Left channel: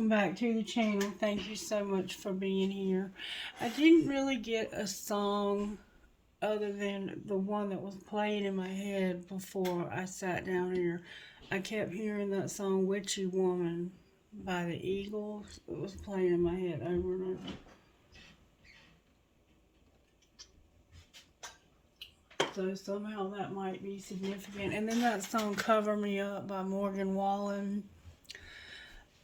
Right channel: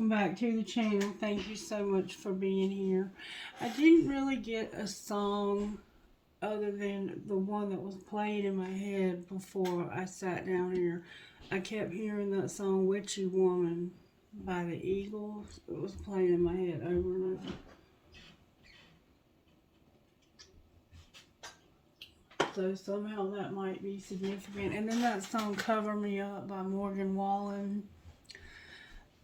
welcome back to the channel. Thank you so much for being here. I didn't really get a song other than the one that was playing in my head before I sat down here. I kept hearing that song Witchy Woman by the Eagles. It was playing in my head over and over. So somehow that might be significant. And then that song Cover Me Up by Morgan Wallen.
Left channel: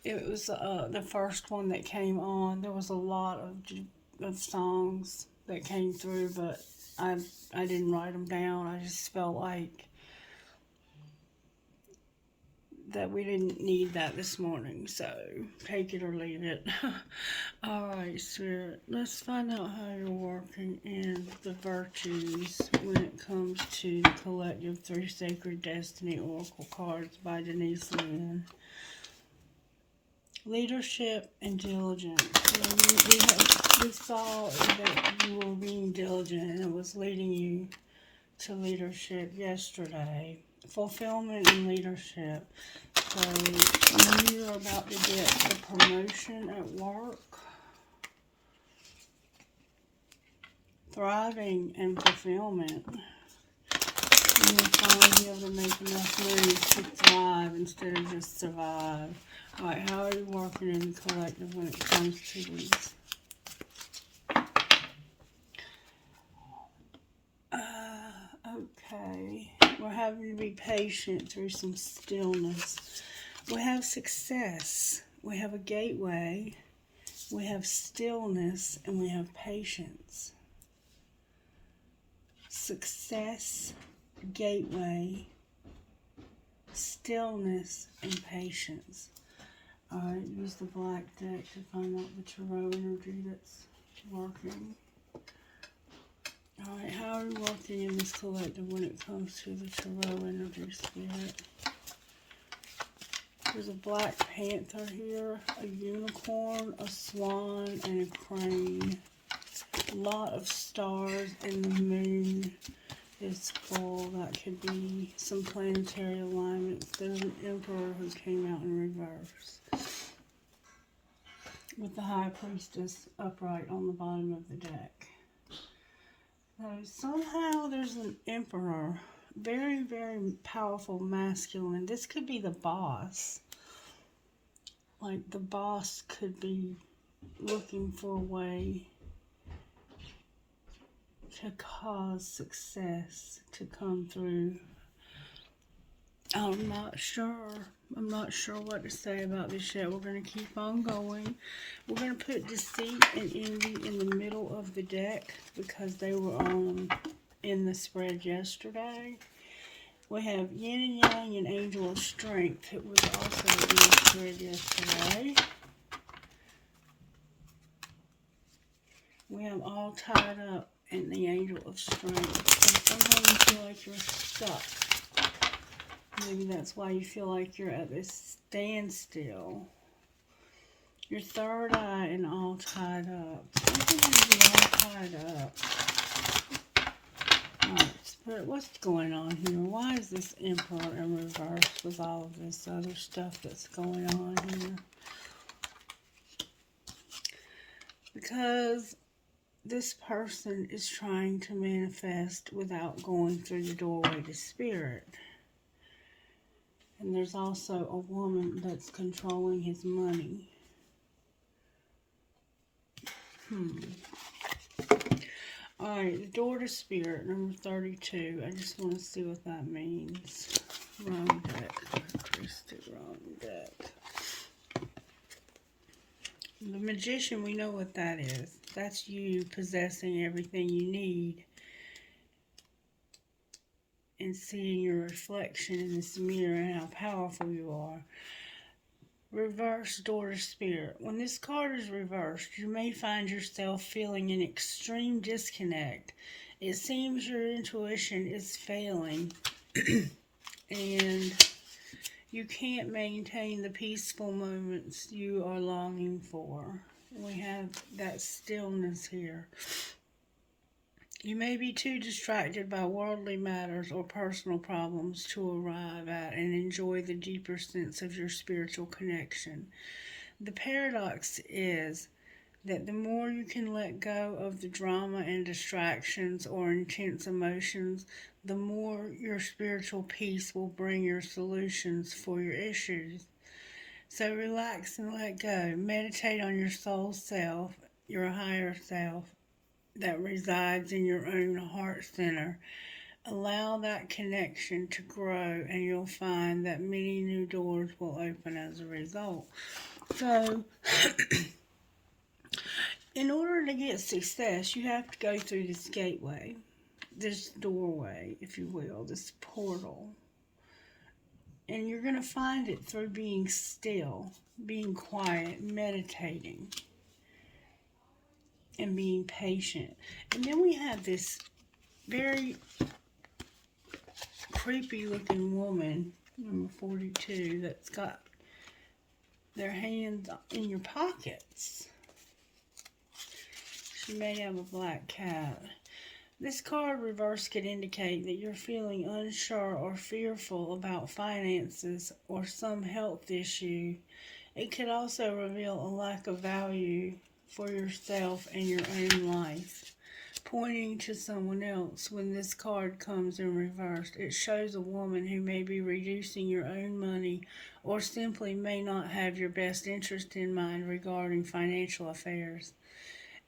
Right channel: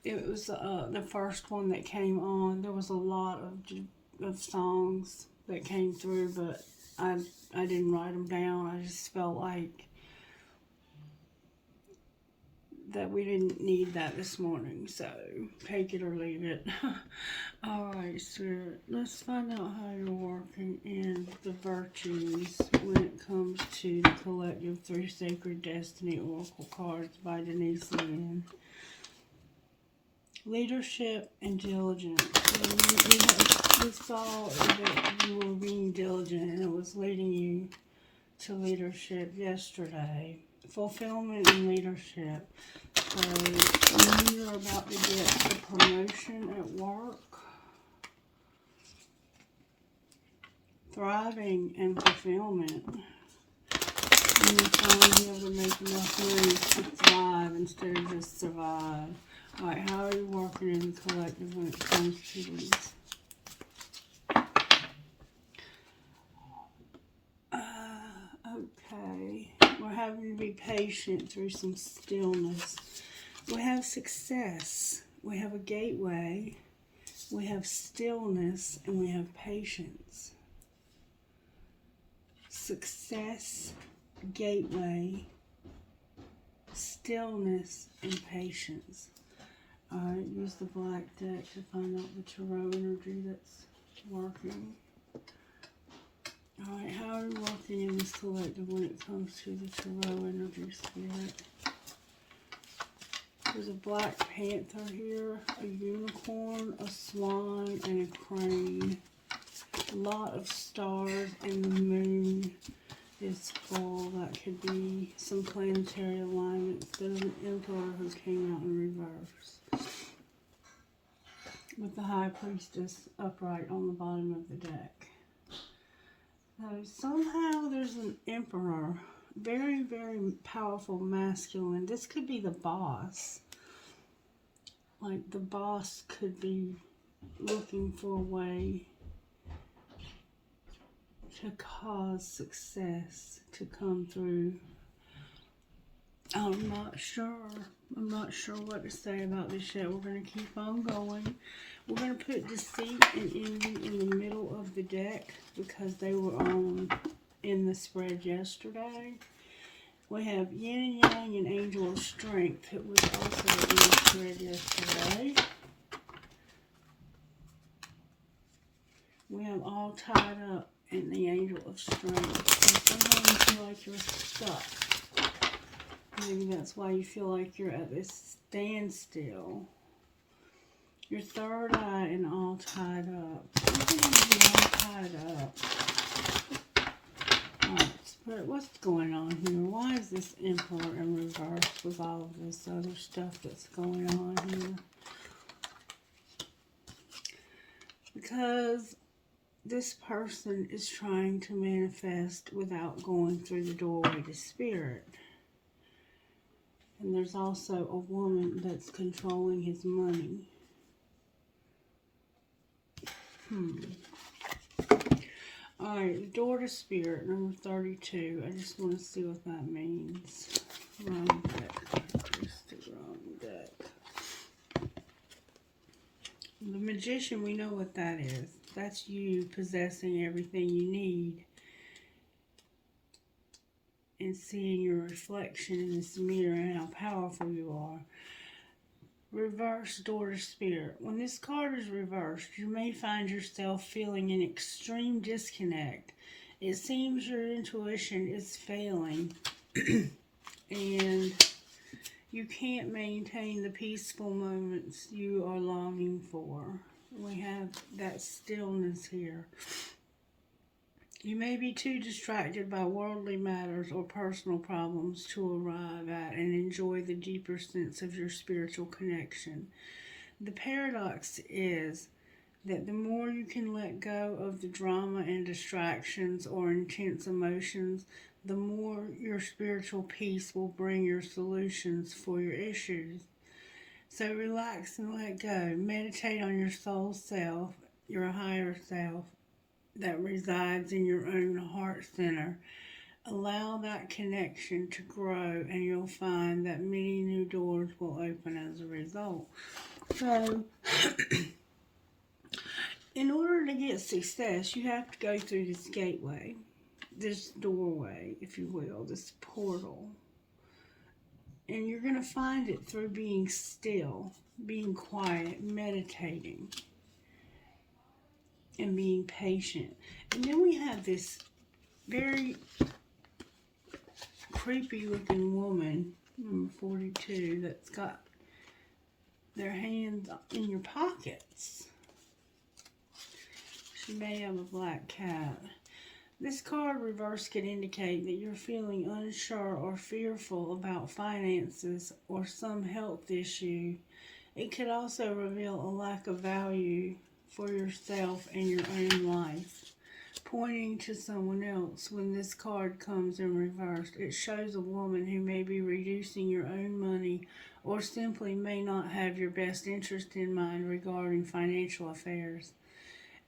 It was the first one that came on. There was a lot of songs that came through, but I didn't write them down. I just felt like that we didn't need that this morning, so take it or leave it. Alright, Spirit, let's find out how you're working in the virtues when it comes to the collective 3 Sacred Destiny Oracle cards by Denise Lynn. Leadership and diligence. We saw that you were being diligent and it was leading you to leadership yesterday. Fulfillment and leadership. So you're about to get a promotion at work. Thriving and fulfillment. And you're finally able to make enough money to thrive instead of just survive. Alright, how are you working in the collective when it comes to these? Okay. We're having to be patient through some stillness. We have success. We have a gateway. We have stillness. And we have patience. Success, gateway, stillness, and patience. Alright, use the black deck to find out the tarot energy that's working. Alright, how are you working in this collective when it comes to the tarot energy, Spirit? There's a black panther here, a unicorn, a swan, and a crane. A lot of stars, and the moon is full. That could be some planetary alignment. There's an emperor who came out in reverse with the high priestess upright on the bottom of the deck. So somehow there's an emperor, very, very powerful masculine. This could be the boss. Like the boss could be looking for a way to cause success to come through. I'm not sure what to say about this yet. We're going to keep on going. We're going to put deceit and envy in the middle of the deck because they were on in the spread yesterday. We have yin and yang and angel of strength. It was also in the spread yesterday. We have all tied up in the angel of strength. And sometimes you feel like you're stuck. Maybe that's why you feel like you're at this standstill. Your third eye and all tied up. Something is all tied up. Alright, Spirit, what's going on here? Why is this emperor in reverse with all of this other stuff that's going on here? Because this person is trying to manifest without going through the doorway to Spirit. And there's also a woman that's controlling his money. Alright, the door to Spirit, number 32. I just want to see what that means. Wrong deck. Wrong deck. The Magician, we know what that is. That's you possessing everything you need. And seeing your reflection in this mirror and how powerful you are. Reverse door to Spirit. When this card is reversed, you may find yourself feeling an extreme disconnect. It seems your intuition is failing. And you can't maintain the peaceful moments you are longing for. We have that stillness here. You may be too distracted by worldly matters or personal problems to arrive at and enjoy the deeper sense of your spiritual connection. The paradox is that the more you can let go of the drama and distractions or intense emotions, the more your spiritual peace will bring your solutions for your issues. So relax and let go. Meditate on your soul self, your higher self that resides in your own heart center. Allow that connection to grow, and you'll find that many new doors will open as a result. So, in order to get success, you have to go through this gateway, this doorway, if you will, this portal. And you're going to find it through being still, being quiet, meditating, and being patient. And then we have this very creepy looking woman, number 42, that's got their hands in your pockets. She may have a black cat. This card reverse could indicate that you're feeling unsure or fearful about finances or some health issue. It could also reveal a lack of value for yourself and your own life. Pointing to someone else, when this card comes in reverse, it shows a woman who may be reducing your own money or simply may not have your best interest in mind regarding financial affairs.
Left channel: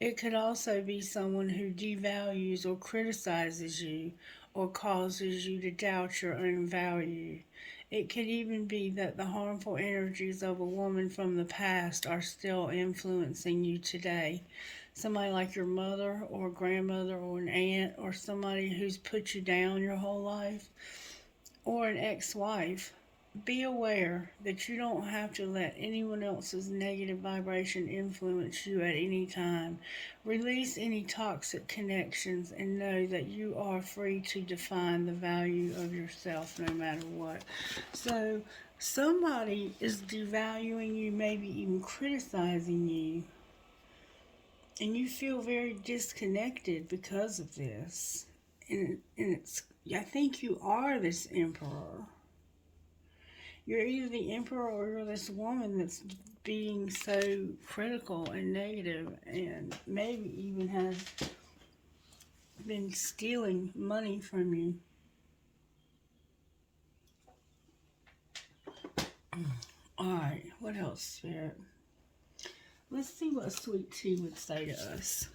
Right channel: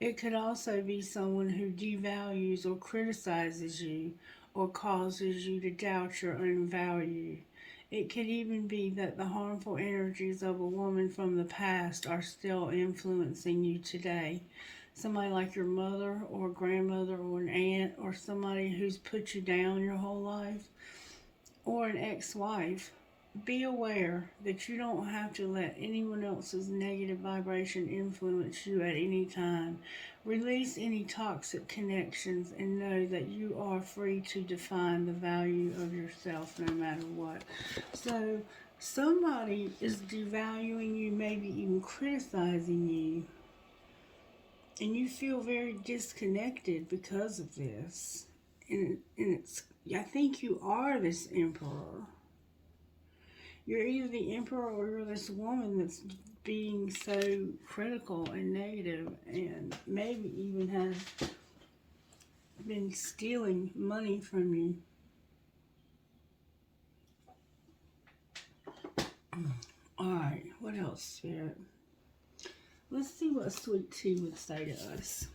It could also be someone who devalues or criticizes you or causes you to doubt your own value. It could even be that the harmful energies of a woman from the past are still influencing you today. Somebody like your mother or grandmother or an aunt or somebody who's put you down your whole life, or an ex-wife. Be aware that you don't have to let anyone else's negative vibration influence you at any time. Release any toxic connections and know that you are free to define the value of yourself no matter what. So, somebody is devaluing you, maybe even criticizing you, and you feel very disconnected because of this. And it's, I think you are this emperor. You're either the emperor or you're this woman that's being so critical and negative and maybe even has been stealing money from you. Alright, what else, Spirit? Let's see what Sweet Tea would say to us.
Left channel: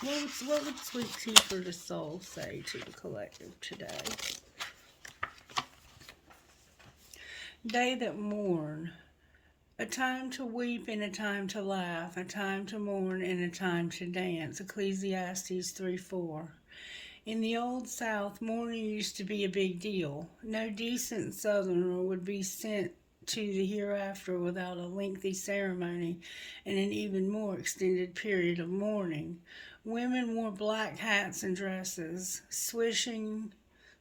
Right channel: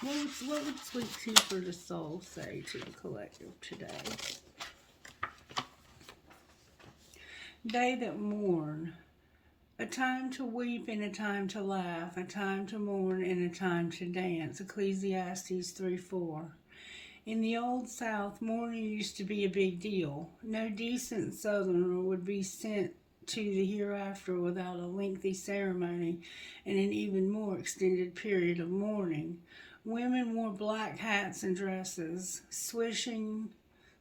What would Sweet Tea for the Soul say to the collective today? They that mourn. A time to weep and a time to laugh, a time to mourn and a time to dance. Ecclesiastes 3:4. In the Old South, mourning used to be a big deal. No decent Southerner would be sent to the hereafter without a lengthy ceremony and an even more extended period of mourning. Women wore black hats and dresses, swishing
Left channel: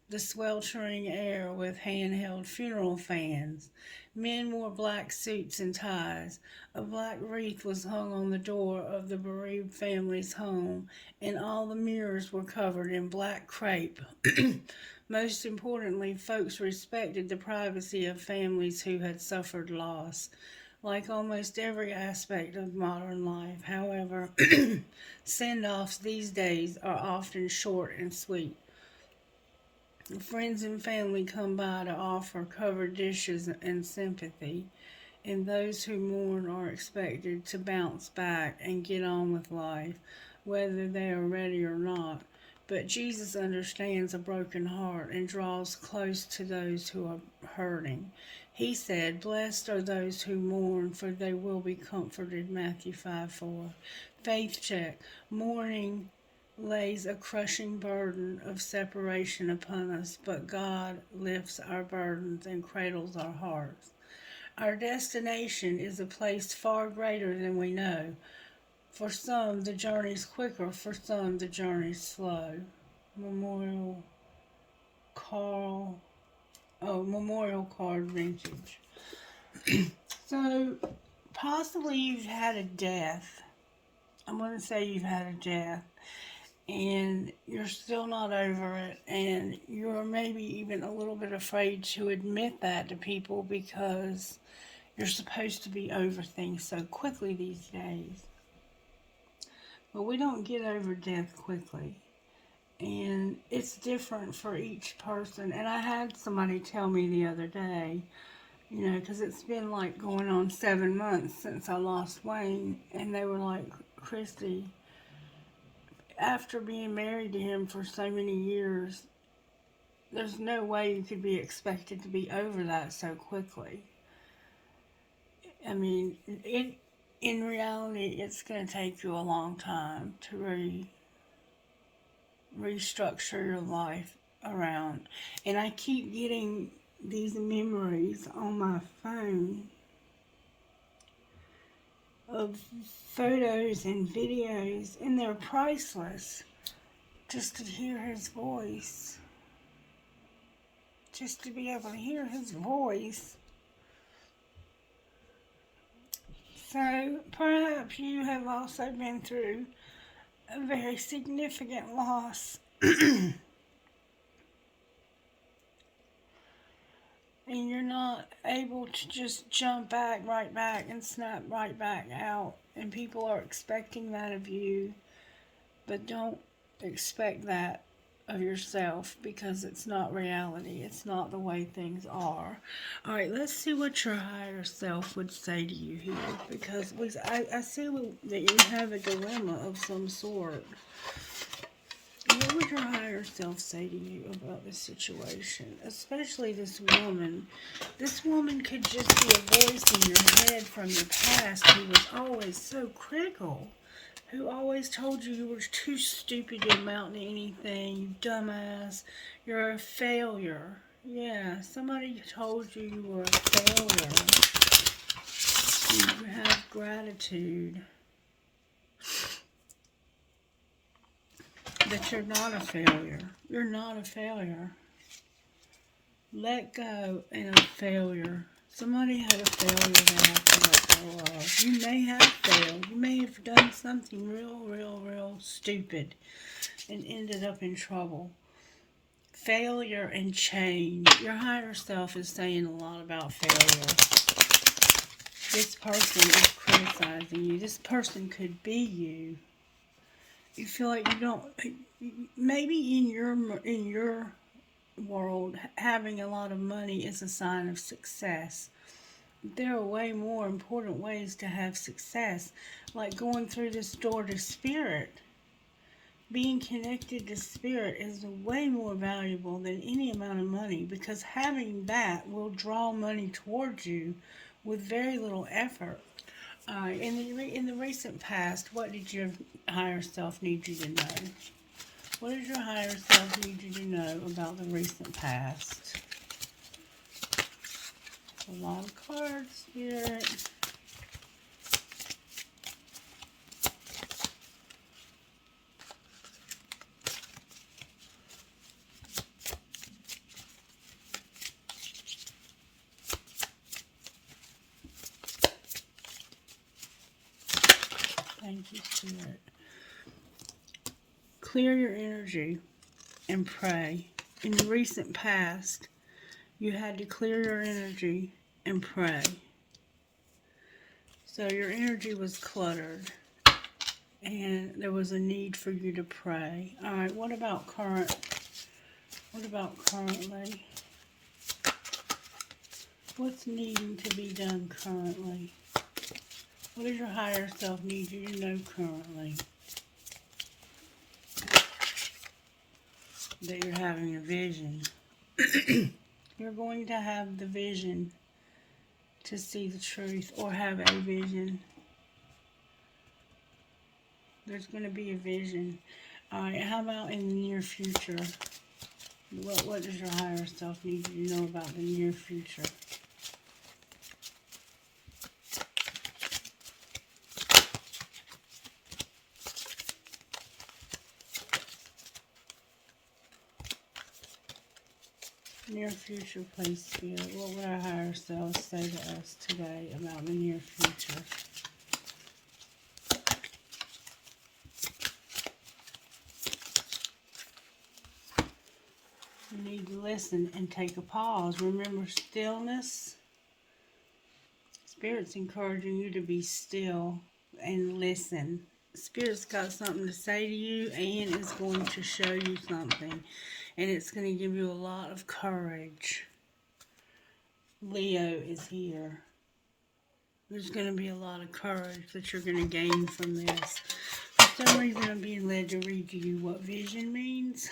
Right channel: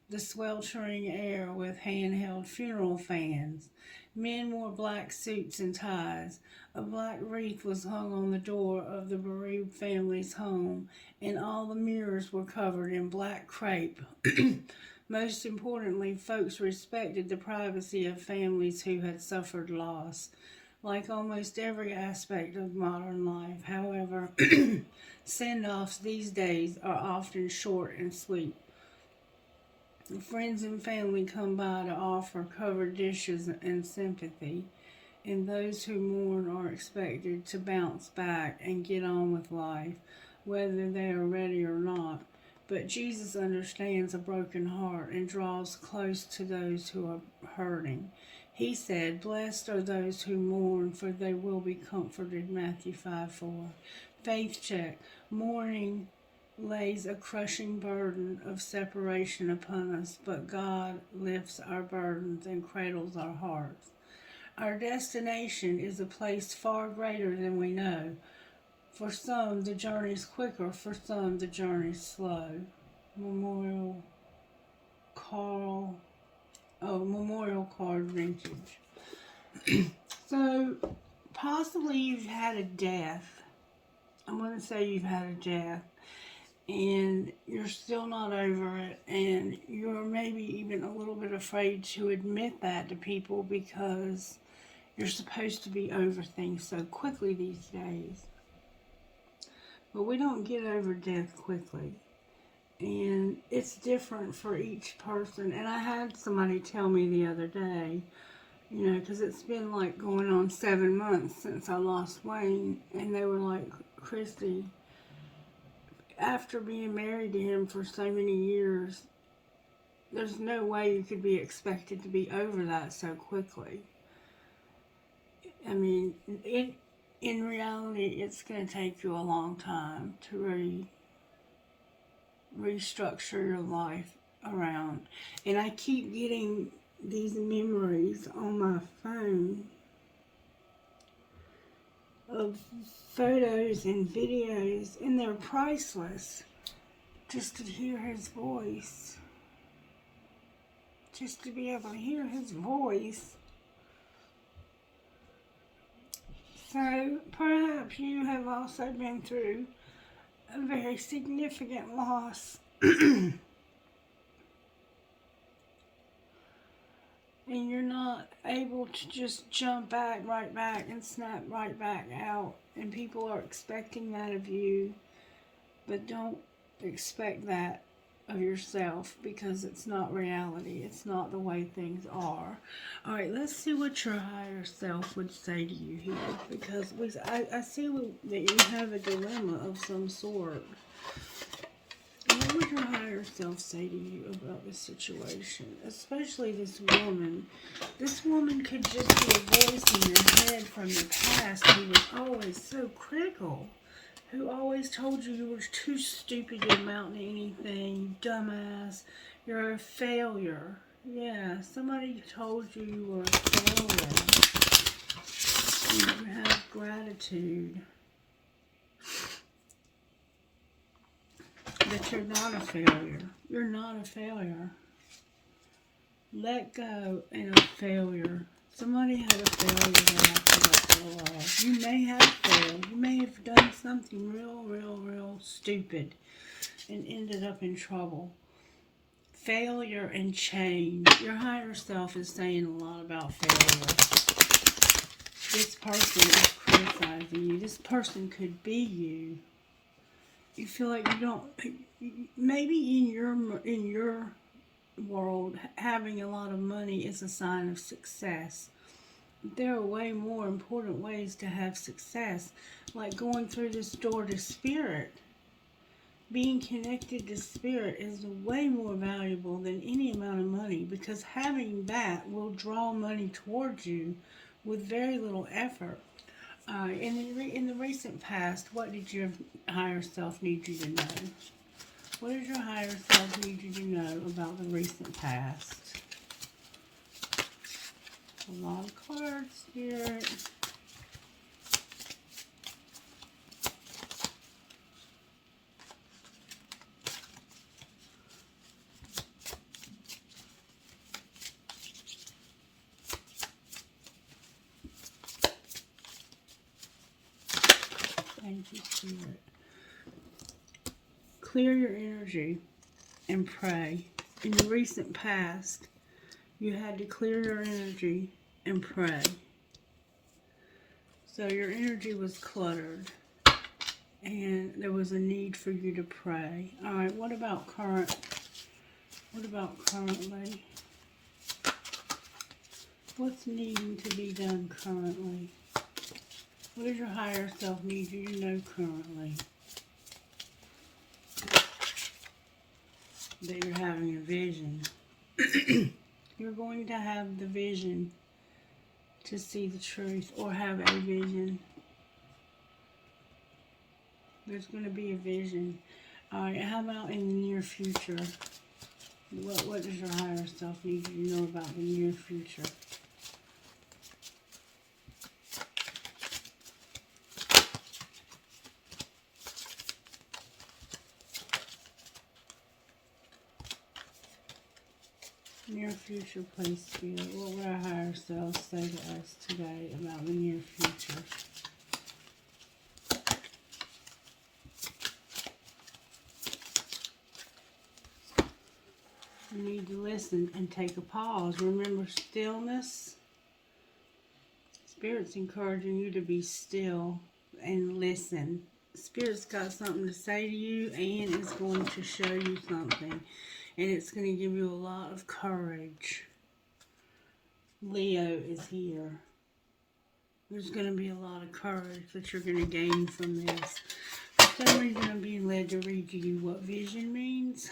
the sweltering air with handheld funeral fans. Men wore black suits and ties. A black wreath was hung on the door of the bereaved family's home, and all the mirrors were covered in black crepe. Most importantly, folks respected the privacy of families who had suffered loss. Like almost every aspect of modern life, however, send-offs these days are often short and sweet. Friends and family come by to offer covered dishes and sympathy, and those who mourn are expected to bounce back and get on with life, whether they are ready or not. But Jesus understands a broken heart and draws close to those who are hurting. He said, "Blessed are those who mourn, for they will be comforted." Matthew 5:4. Faith check. Mourning lays a crushing burden of separation upon us, but God lifts our burdens and cradles our hearts. Our destination is a place far greater than we know. For some, the journey's quicker. For some, the journey's slow. Memorial card vintage. So, possibly you've had a death. I'm going to say you've had a death, and you're still not over it, and you're maybe even a little bit afraid to admit that to people because You're supposed to be over things so quickly these days. But we don't get over death quickly. And it's different for each person. And I had somebody tell me the other day, you know, because it's been like going on 7 months since I lost Wayne. And they were like, Christy, after being married to him for so many years, there's no way you could be expected to be over that so quickly. I mean, in reality, it's going to take you a long time to restructure your life around. And I keep getting these memories on my phone of photos and videos, and they're priceless. Just to hear his voice. Just to be able to hear his voice. So perhaps you have also been through a very significant loss. And you're not able to just jump right back and snap right back out. And people are expecting that of you. But don't expect that of yourself, because it's not reality. It's not the way things are. Alright, let's see what your higher self would say to you here. Because I see that you have a dilemma of some sort. What would your higher self say to you about this situation? Especially this woman. This woman could just be a voice in your head from the past who was always so critical. Who always told you were too stupid to amount to anything, you dumbass, you're a failure. Yeah, somebody told you you were a failure. You have gratitude. That you're not a failure. You're not a failure. Let go and a failure. Somebody had a failure they have to let go of. You may have failed. You may have done something real stupid and ended up in trouble. Failure and change. Your higher self is saying a lot about failure. This person is criticizing you. This person could be you. You feel like you don't, maybe in your world, having a lot of money is a sign of success. There are way more important ways to have success, like going through this door to spirit. Being connected to spirit is way more valuable than any amount of money, because having that will draw money towards you with very little effort. In the recent past, what did your higher self need you to know? What did your higher self need you to know about the recent past? A lot of cards, Spirit. Thank you, Spirit. Clear your energy and pray. In the recent past, you had to clear your energy and pray. So your energy was cluttered, and there was a need for you to pray. All right, what about currently? What's needing to be done currently? What does your higher self need you to know currently? That you're having a vision. You're going to have the vision to see the truth, or have a vision. There's going to be a vision. Alright, how about in the near future? What does your higher self need you to know about the near future? Near future, please, Spirit. What would our higher selves say to us today about the near future? You need to listen and take a pause. Remember, stillness is Spirit's encouraging you to be still and listen. Spirit's got something to say to you and it's going to show you something. And it's going to give you a lot of courage. Leo is here. There's going to be a lot of courage that you're going to gain from this. For some reason, I'm being led to read to you what vision means.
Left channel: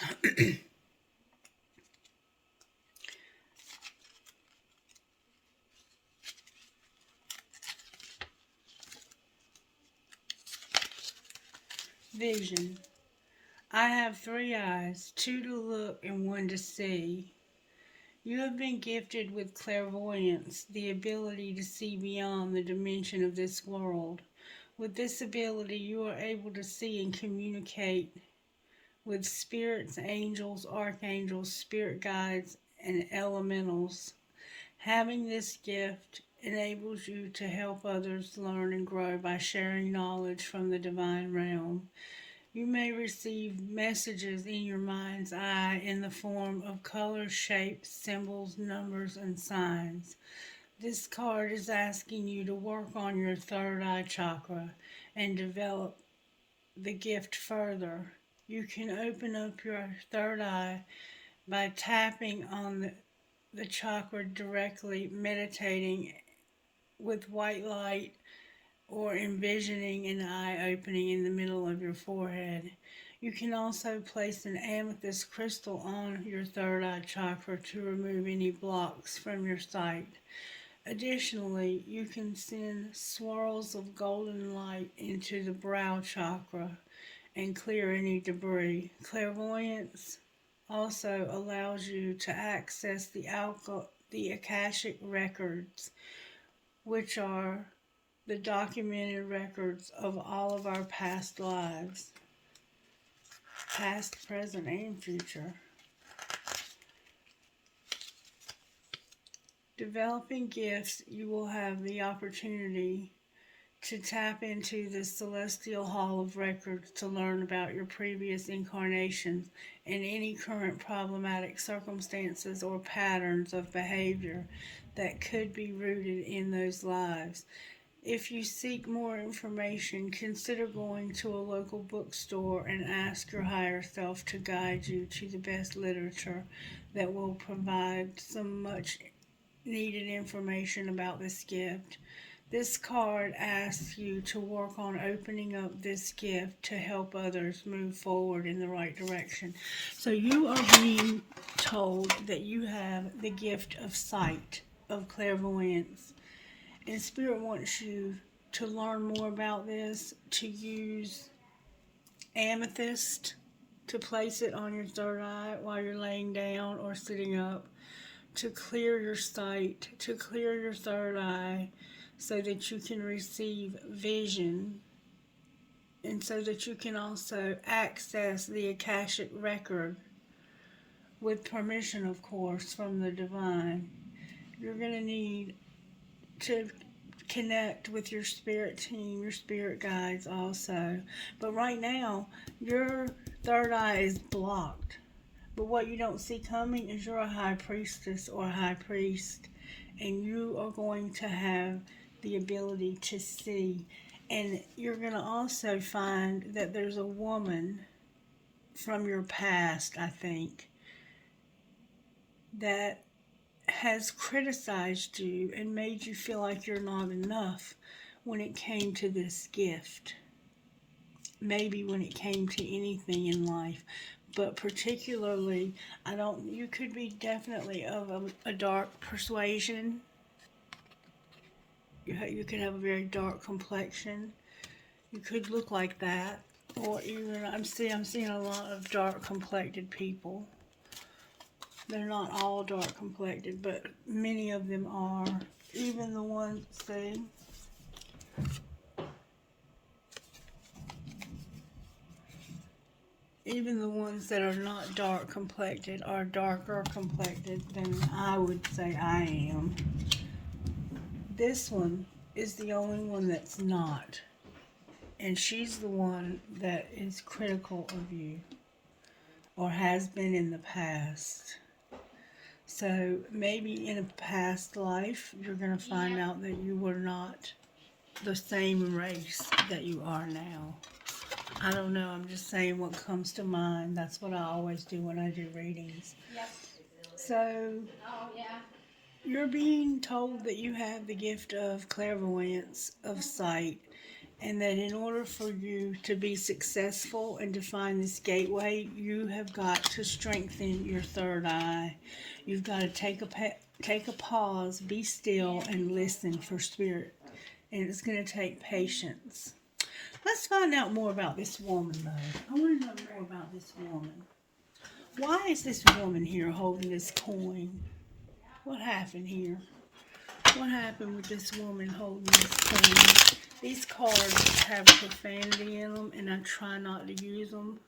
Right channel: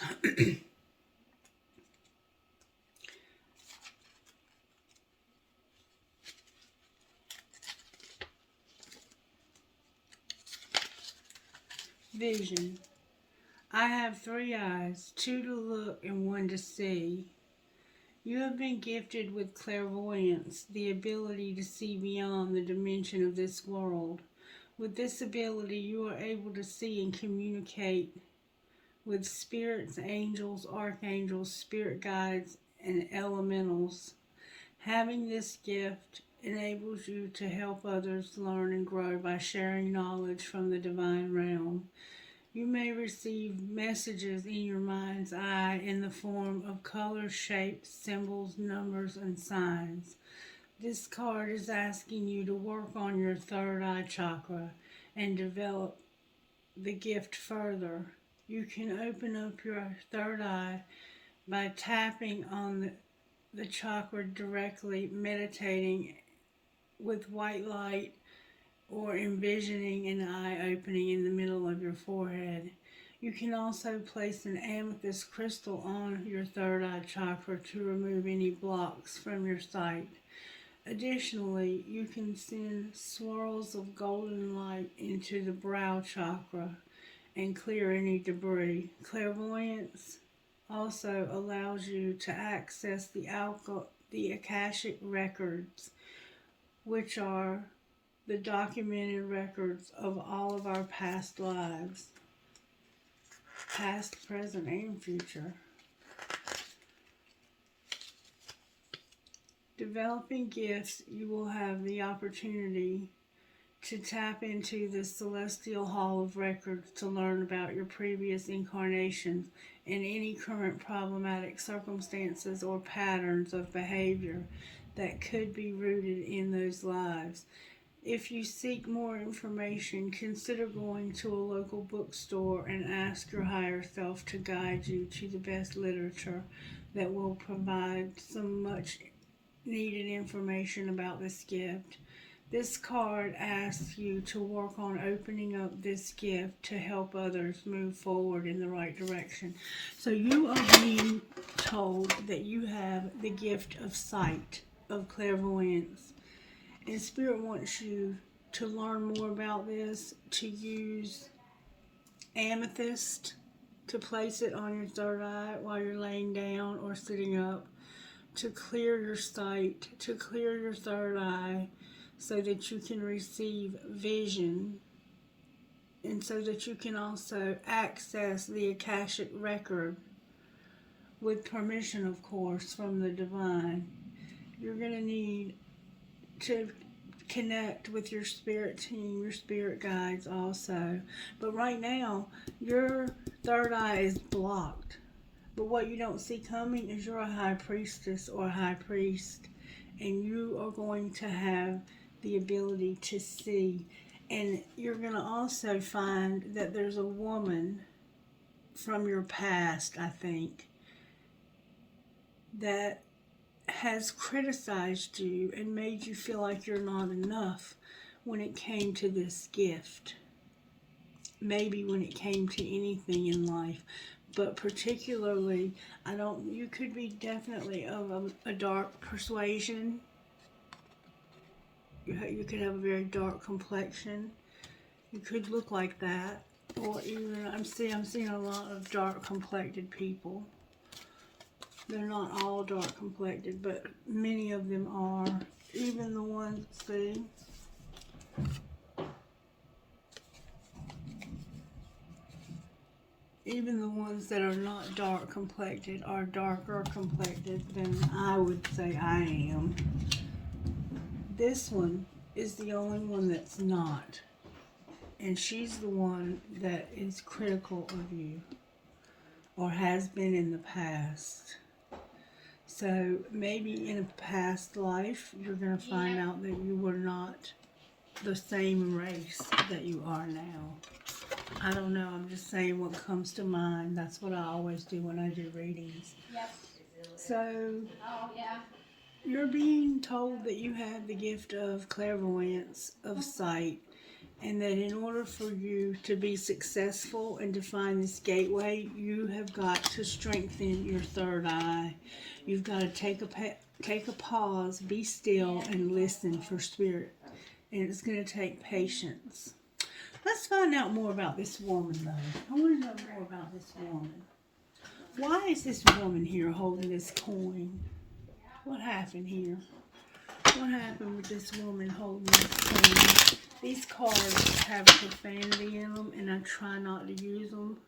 Vision. I have 3 eyes, 2 to look and 1 to see. You have been gifted with clairvoyance, the ability to see beyond the dimension of this world. With this ability, you are able to see and communicate with spirits, angels, archangels, spirit guides, and elementals. Having this gift enables you to help others learn and grow by sharing knowledge from the divine realm. You may receive messages in your mind's eye in the form of colors, shapes, symbols, numbers, and signs. This card is asking you to work on your third eye chakra and develop the gift further. You can open up your third eye by tapping on the chakra directly, meditating with white light, or envisioning an eye opening in the middle of your forehead. You can also place an amethyst crystal on your third eye chakra to remove any blocks from your sight. Additionally, you can send swirls of golden light into the brow chakra and clear any debris. Clairvoyance also allows you to access the Akashic records, which are the documented records of all of our past lives, past, present, and future. Developing gifts, you will have the opportunity to tap into the celestial hall of records to learn about your previous incarnations and any current problematic circumstances or patterns of behavior that could be rooted in those lives. If you seek more information, consider going to a local bookstore and ask your higher self to guide you to the best literature that will provide some much needed information about this gift. This card asks you to work on opening up this gift to help others move forward in the right direction. So you are being told that you have the gift of sight, of clairvoyance. And Spirit wants you to learn more about this, to use amethyst, to place it on your third eye while you're laying down or sitting up, to clear your sight, to clear your third eye, so that you can receive vision, and so that you can also access the Akashic record with permission, of course, from the divine. You're going to need to connect with your spirit team, your spirit guides also. But right now, your third eye is blocked. But what you don't see coming is you're a high priestess or a high priest, and you are going to have the ability to see. And you're going to also find that there's a woman from your past, I think, that has criticized you and made you feel like you're not enough when it came to this gift. Maybe when it came to anything in life, but particularly, you could be definitely of a dark persuasion. You could have a very dark complexion. You could look like that, or even I'm seeing a lot of dark complected people. They're not all dark complected, but many of them are. Even the ones, see? Even the ones that are not dark complected are darker complected than I would say I am. This one is the only one that's not. And she's the one that is critical of you, or has been in the past. So maybe in a past life, you're going to find out that you were not the same race that you are now. I don't know. I'm just saying what comes to mind. That's what I always do when I do readings. Yep. So Oh, yeah. you're being told that you have the gift of clairvoyance, of sight, and that in order for you to be successful and to find this gateway, you have got to strengthen your third eye. You've got to take a pause, be still, and listen for spirit. And it's going to take patience. Let's find out more about this woman, though. I want to know more about this woman. Why is this woman here holding this coin? What happened here? What happened with this woman holding this coin? These cards have profanity in them, and I try not to use them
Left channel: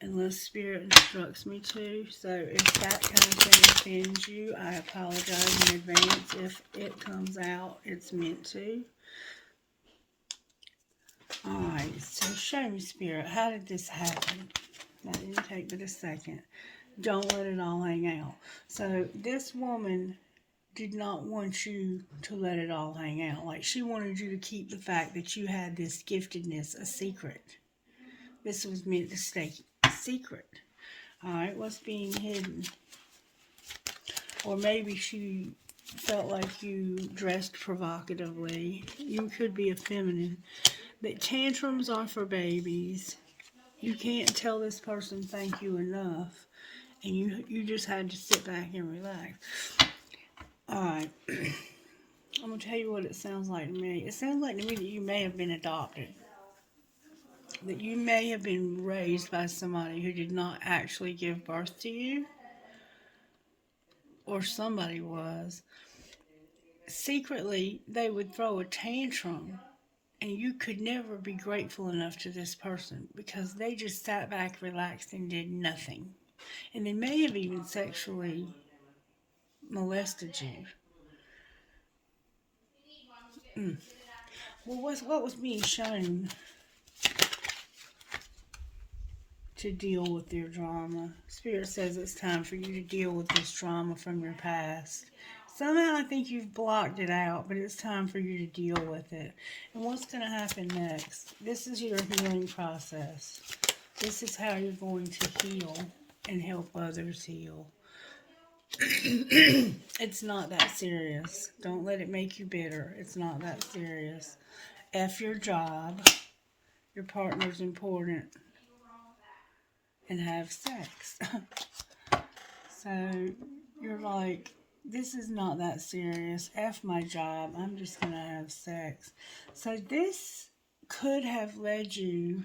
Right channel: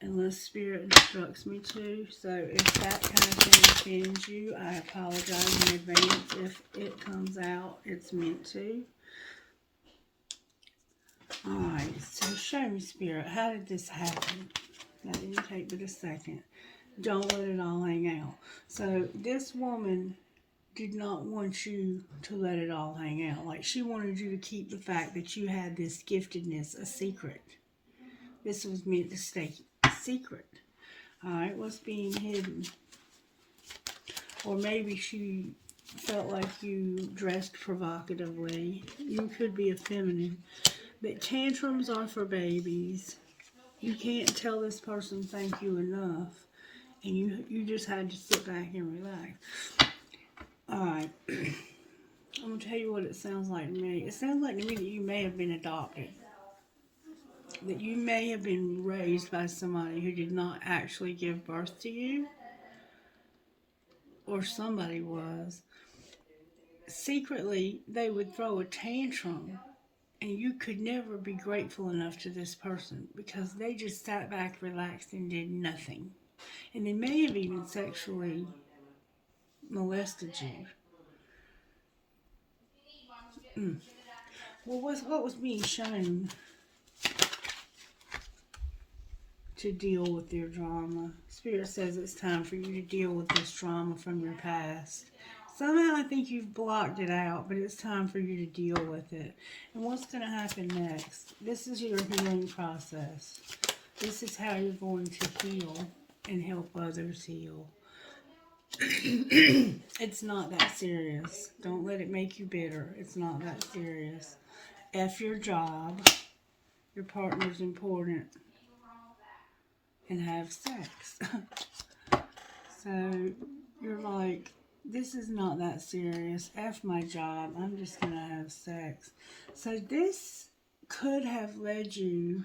unless Spirit instructs me to. So if that kind of thing offends you, I apologize in advance. If it comes out, it's meant to. Alright, so show me, Spirit, how did this happen? That didn't take but a second. Don't let it all hang out. So this woman did not want you to let it all hang out. Like, she wanted you to keep the fact that you had this giftedness a secret. This was meant to stay secret. Alright, what's being hidden? Or maybe she felt like you dressed provocatively. You could be a feminine. But tantrums are for babies. You can't tell this person thank you enough. And you just had to sit back and relax. Alright. I'm going to tell you what it sounds like to me. It sounds like to me that you may have been adopted. That you may have been raised by somebody who did not actually give birth to you. Or somebody was. Secretly, they would throw a tantrum. And you could never be grateful enough to this person because they just sat back, relaxed, and did nothing. And they may have even sexually molested you. Well, what was being shown to deal with your drama? Spirit says it's time for you to deal with this drama from your past. Somehow I think you've blocked it out, but it's time for you to deal with it. And what's going to happen next? This is your healing process. This is how you're going to heal and help others heal. It's not that serious. Don't let it make you bitter. It's not that serious. F your job. Your partner's important. And have sex. So you're like, this is not that serious. F my job. I'm just going to have sex. So this could have led you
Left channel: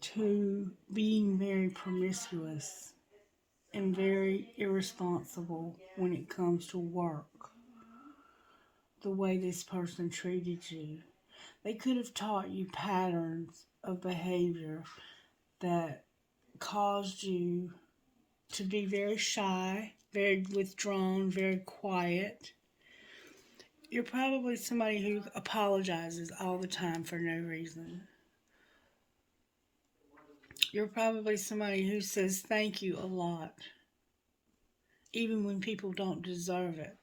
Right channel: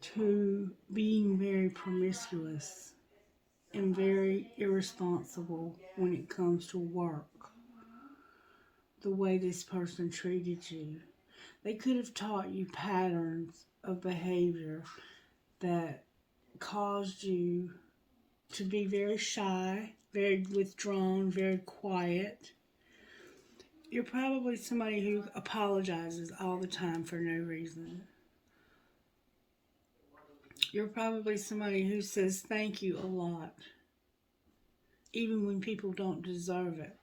to being very promiscuous and very irresponsible when it comes to work. The way this person treated you. They could have taught you patterns of behavior that caused you to be very shy, very withdrawn, very quiet. You're probably somebody who apologizes all the time for no reason. You're probably somebody who says thank you a lot, even when people don't deserve it.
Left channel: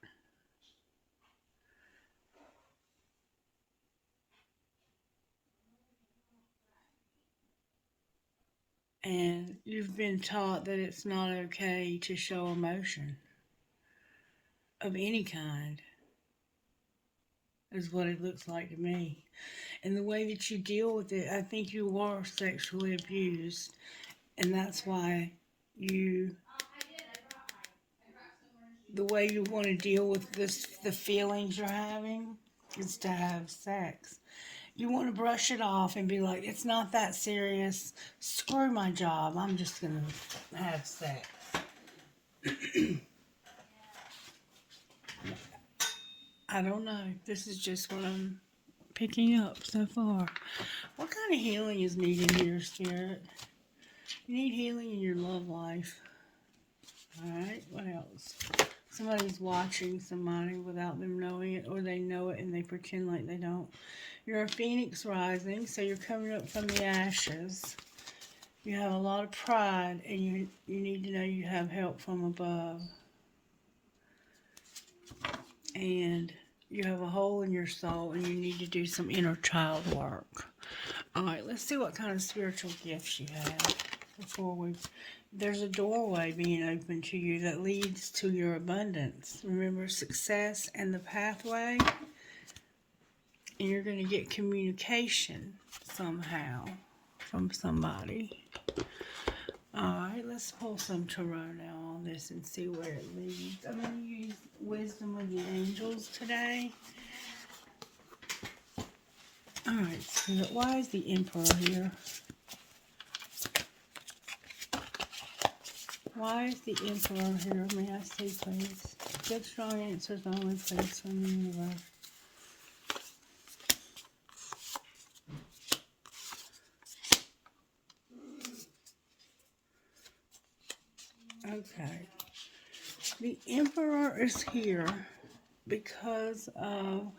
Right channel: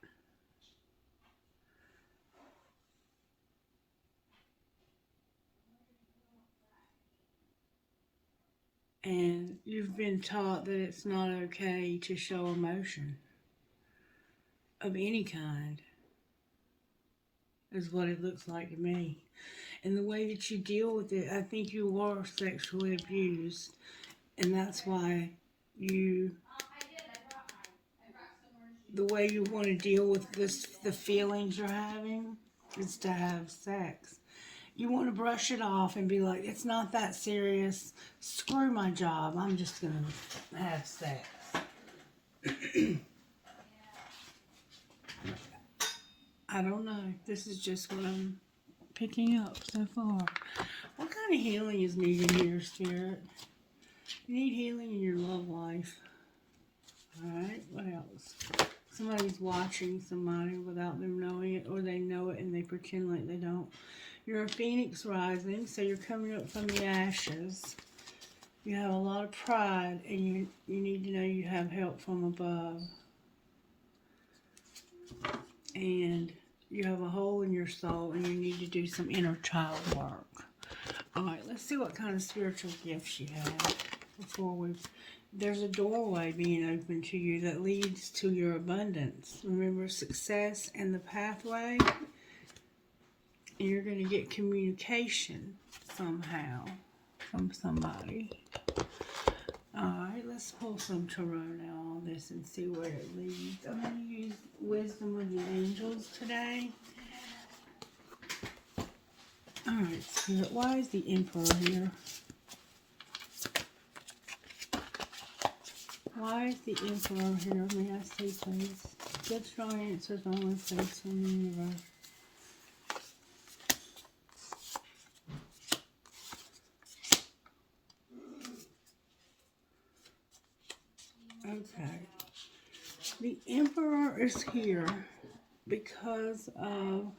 And you've been taught that it's not okay to show emotion of any kind, is what it looks like to me. And the way that you deal with it, I think you were sexually abused. And that's why the way you want to deal with the feelings you're having is to have sex. You want to brush it off and be like, it's not that serious. Screw my job. I'm just going to have sex. I don't know. This is just what I'm picking up so far. What kind of healing is needed here, Spirit? You need healing in your love life. Alright, what else? Somebody's watching somebody without them knowing it, or they know it and they pretend like they don't. You're a phoenix rising, so you're coming up from the ashes. You have a lot of pride, and you need to know you have help from above. And you have a hole in your soul, and you need to do some inner child work. All right, let's see what kind of spiritual gifts you have before we... There's a doorway being opened to you that leads to your abundance. Remember, success and the pathway. And you're going to get communication somehow from somebody. Alright, let's pull some tarot now on this and see where it leads. I'm going to use Wisdom of the Angels today. Alright, Spirit, why is the Emperor here? Why is the Emperor here? May I see, please? Good, strong answers only, please, from the universe. Okay. The Emperor is here because of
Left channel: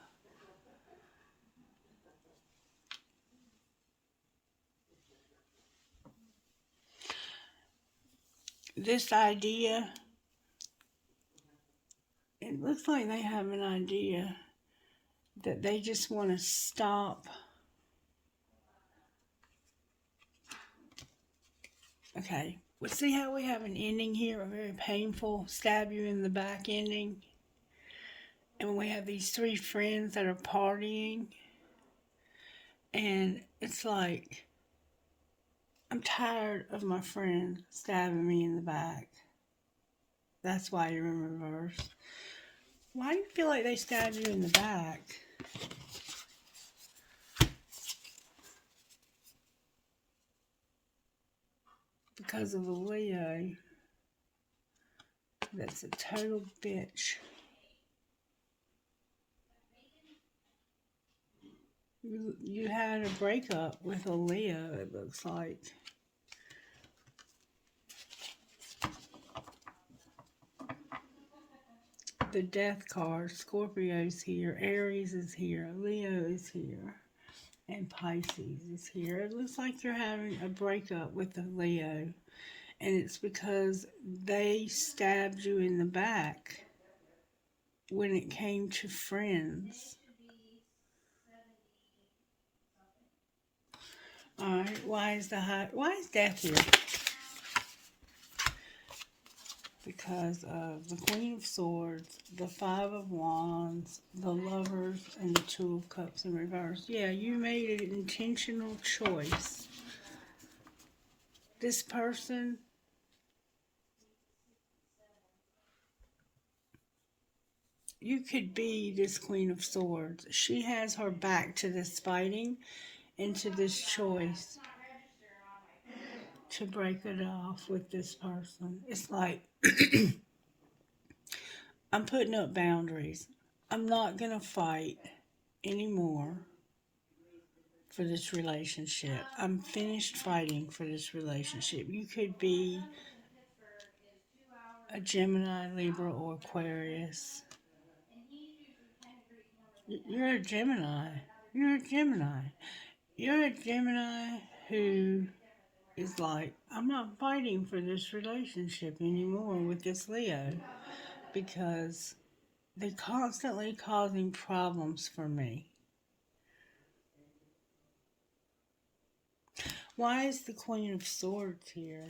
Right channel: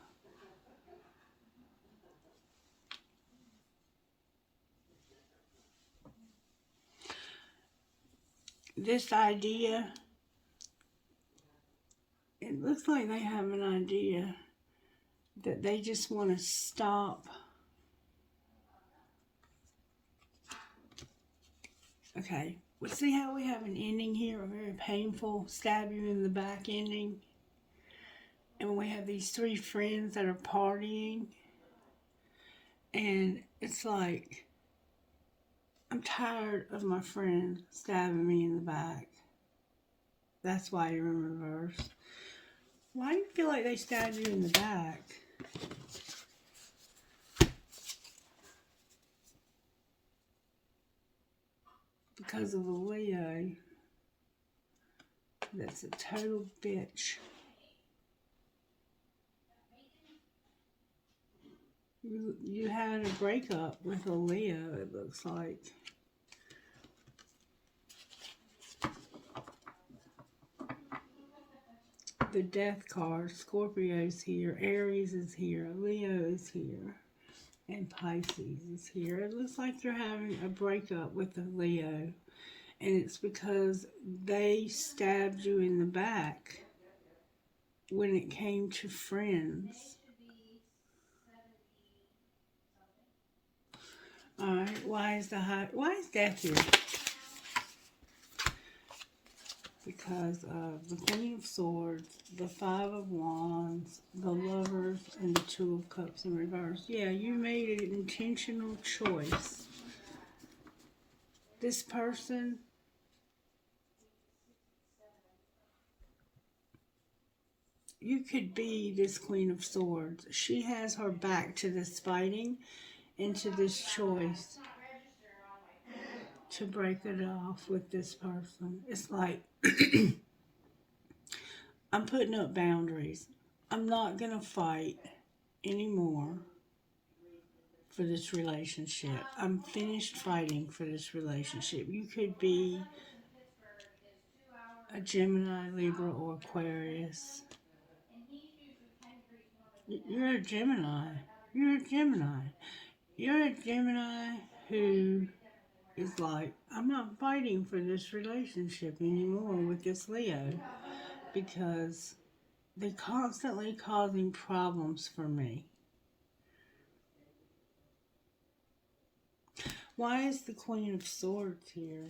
this idea. It looks like they have an idea that they just want to stop. Okay, well, see how we have an ending here, a very painful stab you in the back ending? And we have these three friends that are partying. And it's like, I'm tired of my friend stabbing me in the back. That's why you're in reverse. Why do you feel like they stabbed you in the back? Because of the Leo. That's a total bitch. You had a breakup with a Leo, it looks like. The Death card, Scorpio's here, Aries is here, Leo is here, and Pisces is here. It looks like you're having a breakup with the Leo, and it's because they stabbed you in the back when it came to friends. Alright, why is Death here? Because of the Queen of Swords, the Five of Wands, the Lovers, and the Two of Cups in reverse. Yeah, you made an intentional choice. This person, you could be this Queen of Swords. She has her back to this fighting and to this choice to break it off with this person. It's like, I'm putting up boundaries. I'm not going to fight anymore for this relationship. I'm finished fighting for this relationship. You could be a Gemini, Libra, or Aquarius. You're a Gemini. You're a Gemini. You're a Gemini who is like, I'm not fighting for this relationship anymore with this Leo because they're constantly causing problems for me. Why is the Queen of Swords here?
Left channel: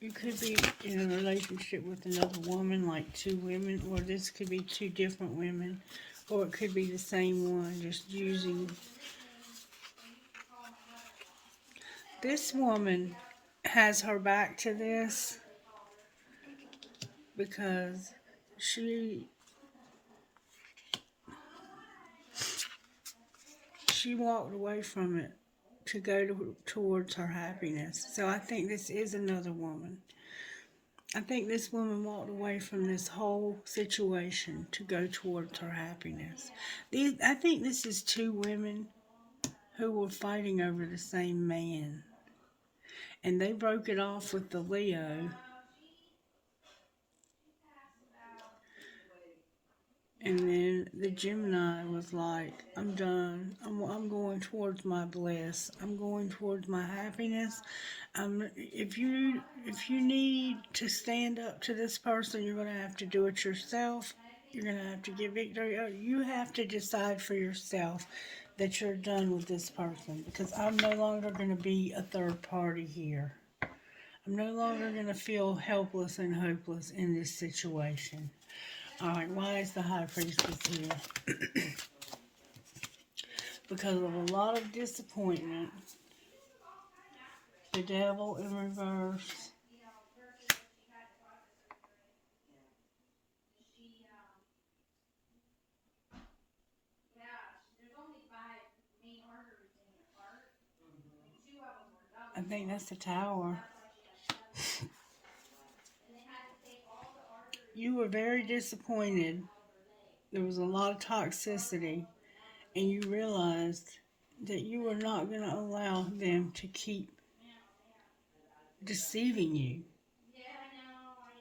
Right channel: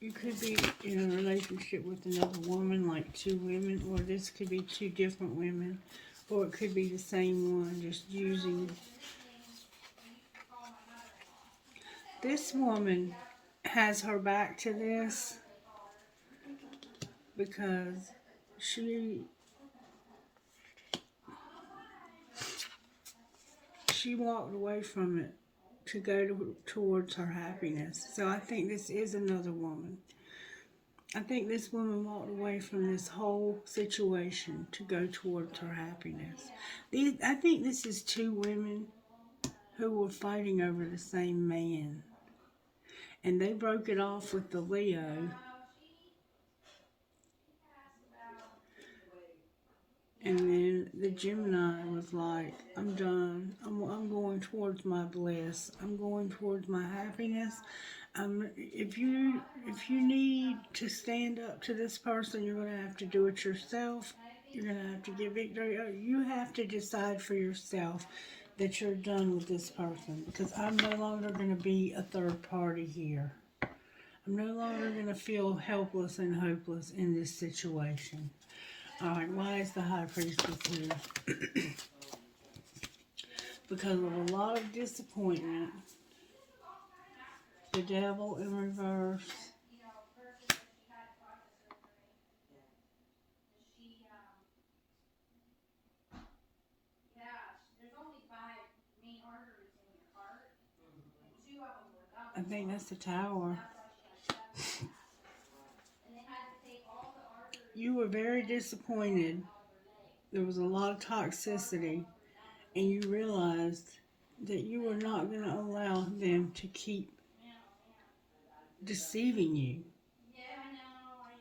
You could be in a relationship with another woman, like two women, or this could be two different women, or it could be the same one, just using. This woman has her back to this because she walked away from it to go towards her happiness. So I think this is another woman. I think this woman walked away from this whole situation to go towards her happiness. I think this is two women who were fighting over the same man. And they broke it off with the Leo. And then the Gemini was like, I'm done. I'm going towards my bliss. I'm going towards my happiness. If you need to stand up to this person, you're going to have to do it yourself. You're going to have to give victory. You have to decide for yourself that you're done with this person, because I'm no longer going to be a third party here. I'm no longer going to feel helpless and hopeless in this situation. Alright, why is the High Priestess here? Because of a lot of disappointment. The Devil in reverse. I think that's the Tower. You were very disappointed. There was a lot of toxicity, and you realized that you were not going to allow them to keep deceiving you.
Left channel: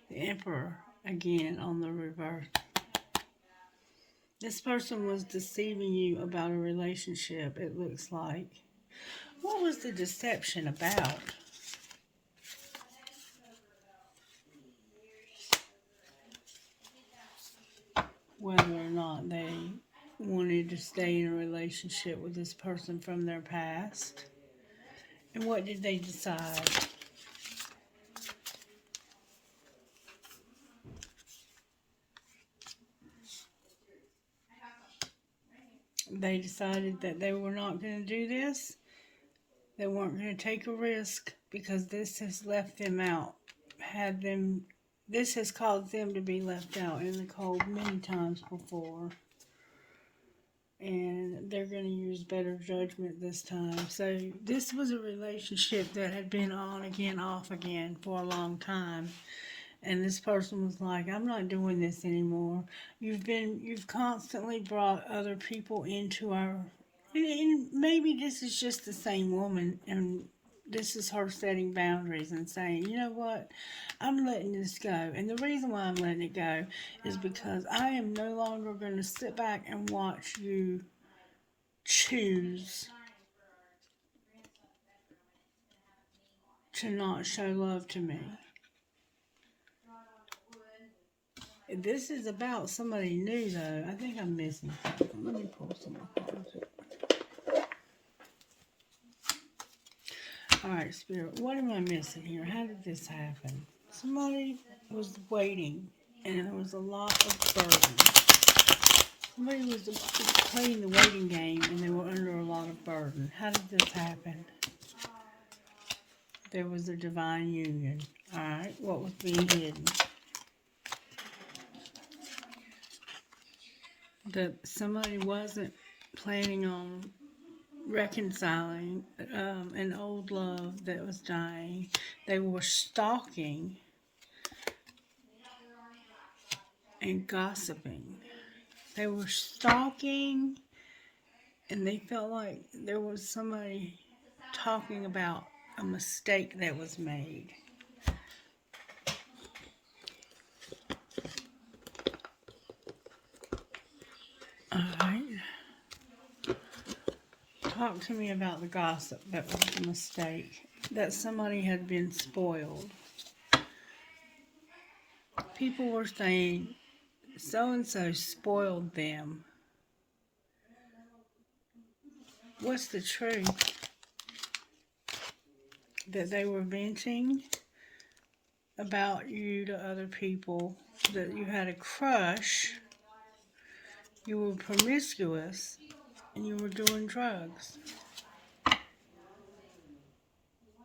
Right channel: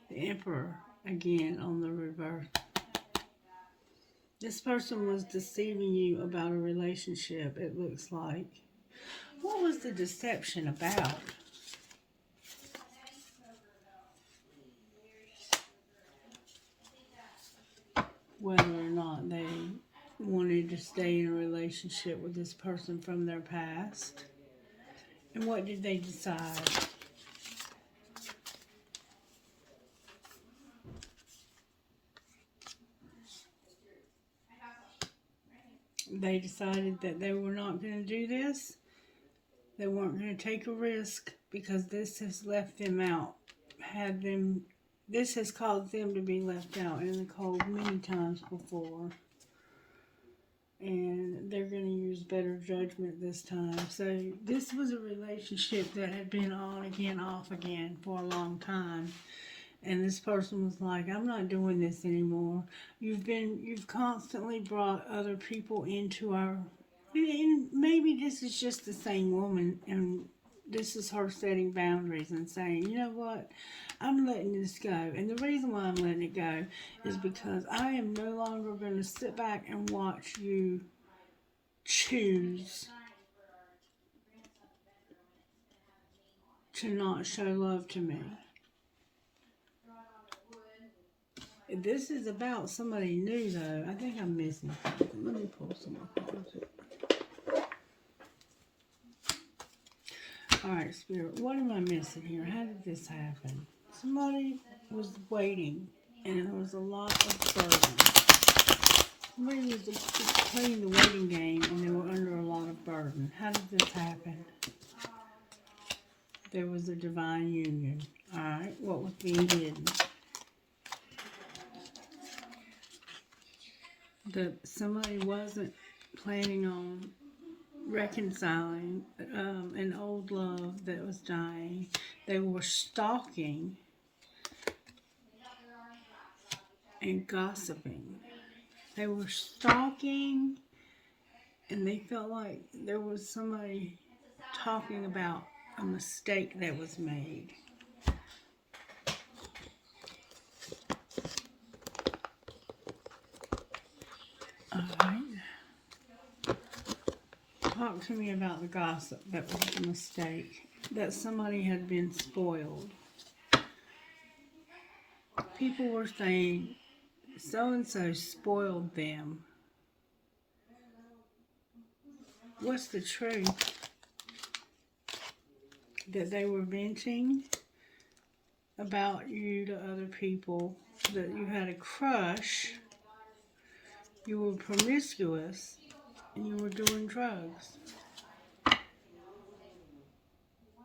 The Emperor, again, on the reverse. This person was deceiving you about a relationship, it looks like. What was the deception about? Whether or not they wanted to stay in a relationship with this person from their past. And what did they decide? They decided that they were not going to do this. They weren't going to take a risk because this has left them out. This has caused them to be left out in the cold many times before. And they're going to use better judgment this time. So this was a relationship that had been on again, off again for a long time. And this person was like, I'm not doing this anymore. You've constantly brought other people into our, and maybe this is just the same woman, and this is her setting boundaries and saying, you know what, I'm letting this go. And the reason why I'm letting it go is because I am no longer going to sit back and watch you choose to not show love to me. This is about somebody new, though. I think I'm missing something. Let me pull some more cards. Alright, Spirit, what am I missing here? How did this happen? Somebody was waiting, and there was a lot of burden. Somebody was just playing the waiting game, and they were under a lot of burden. How did this happen? There was a divine union. Alright, what was being hidden? That somebody wasn't planning on reconciling an old love that was dying. They were stalking and gossiping. They were stalking, and they felt like there was somebody talking about a mistake that was made. Alright. Talk to me about the gossip that was a mistake. That somebody had been spoiled. People were saying, so-and-so spoiled them. What's the truth? That they were venting about you to other people, that you had a crush, you were promiscuous, and you were doing drugs.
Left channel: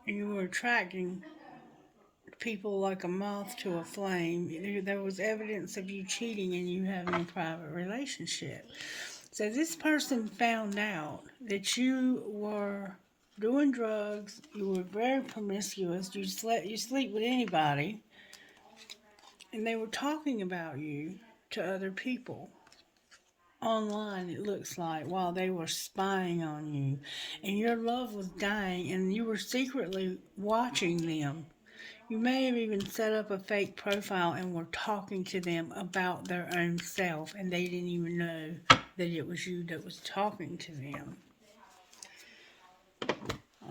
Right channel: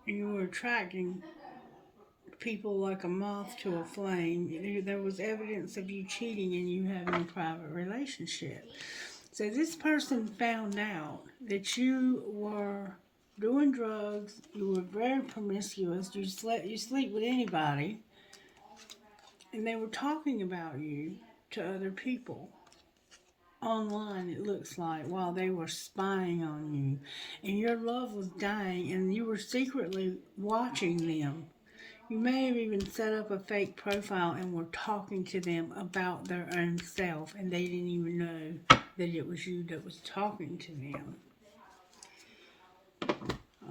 And you were attracting people like a moth to a flame. There was evidence of you cheating and you having a private relationship. So this person found out that you were doing drugs, you were very promiscuous, you sleep with anybody, and they were talking about you to other people. Online, it looks like, while they were spying on you. And your love was dying, and you were secretly watching them. You may have even set up a fake profile and were talking to them about their own self, and they didn't even know that it was you that was talking to them.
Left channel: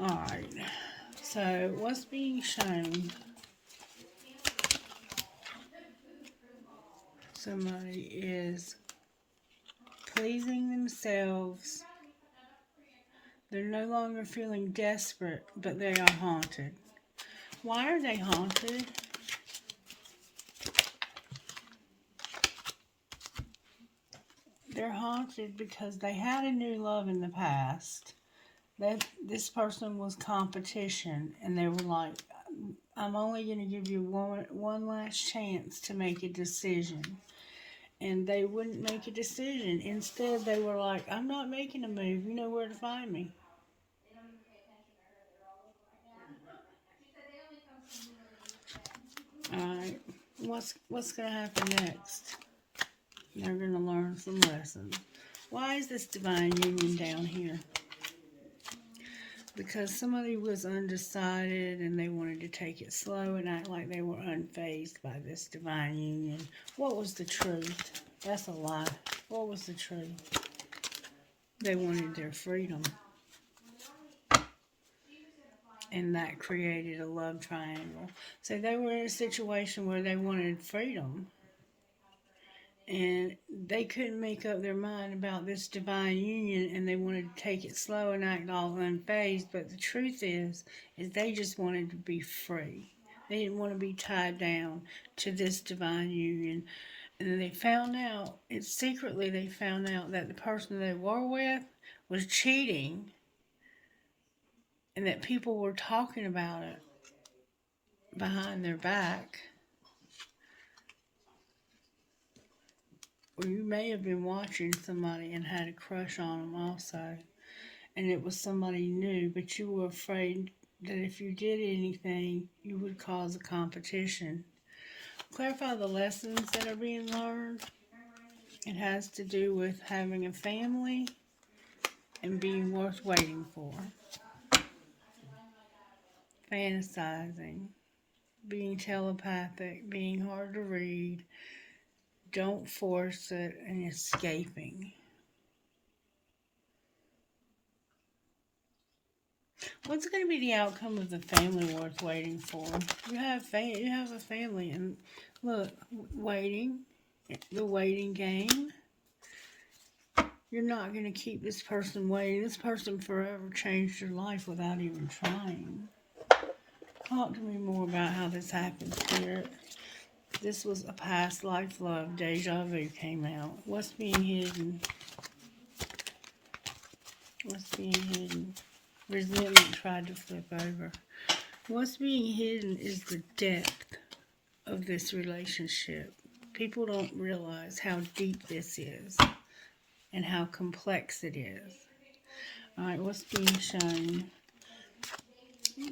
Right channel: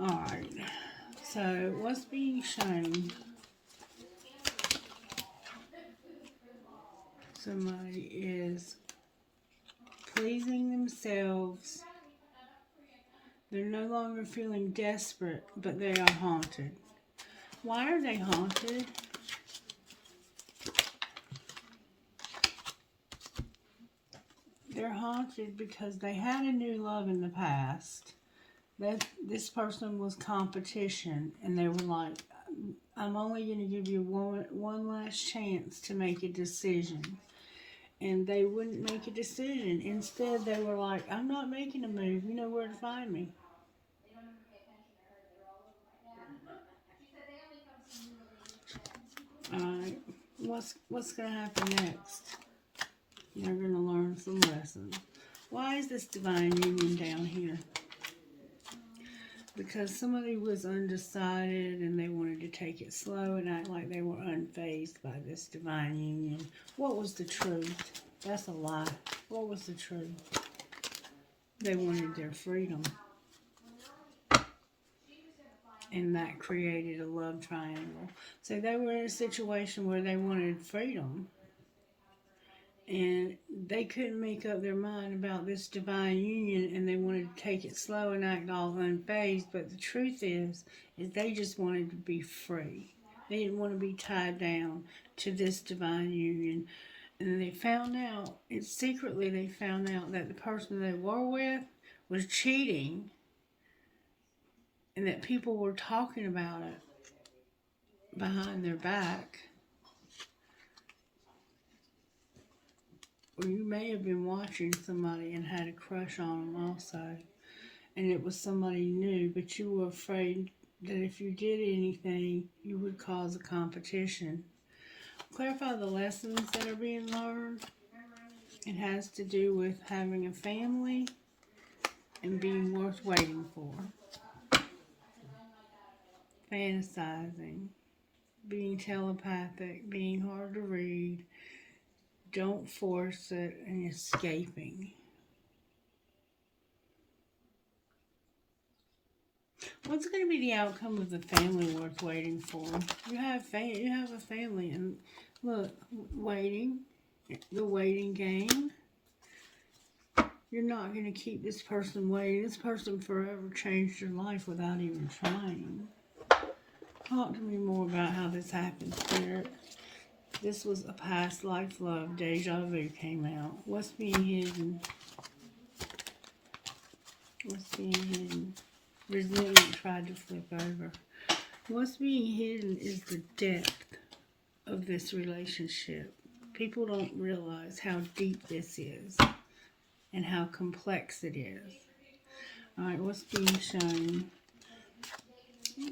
Alright, so what's being shown? Somebody is pleasing themselves. They're no longer feeling desperate, but they are haunted. Why are they haunted? They're haunted because they had a new love in the past. That this person was competition, and they were like, I'm only going to give you one last chance to make a decision. And they wouldn't make a decision. Instead, they were like, I'm not making a move. You know where to find me. Alright, what's going to happen next? They're going to learn some lessons. Why is this divine union down here? Because somebody was undecided and they wanted to take it slow and act like they were unfazed by this divine union. What was the truth? That's a lie. What was the truth? They wanted their freedom. And that created a love triangle. So they were in a situation where they wanted freedom. And they couldn't make up their mind about this divine union, and they wanted to take it slow and act all unfazed. But the truth is they just wanted to be free. They didn't want to be tied down to this divine union. And they found out, secretly they found out that the person they were with was cheating, and that people were talking about it behind their back. Or you may have been watching somebody and had a crush on them also. And it was somebody new, but you were afraid that if you did anything, you would cause a competition. Clarify the lessons that are being learned. It has to do with having a family and being worth waiting for. Fantasizing. Being telepathic. Being hard to read. Don't force it, and escaping. What's going to be the outcome of the family worth waiting for? You have a family, and look, waiting, the waiting game. You're not going to keep this person waiting. This person forever changed your life without even trying. Talk to me more about how this happened, Spirit. This was a past life love. Deja vu came out. What's being hidden? What's being hidden? Resentment tried to flip over. What's being hidden is the depth of this relationship. People don't realize how deep this is and how complex it is. Alright, what's being shown?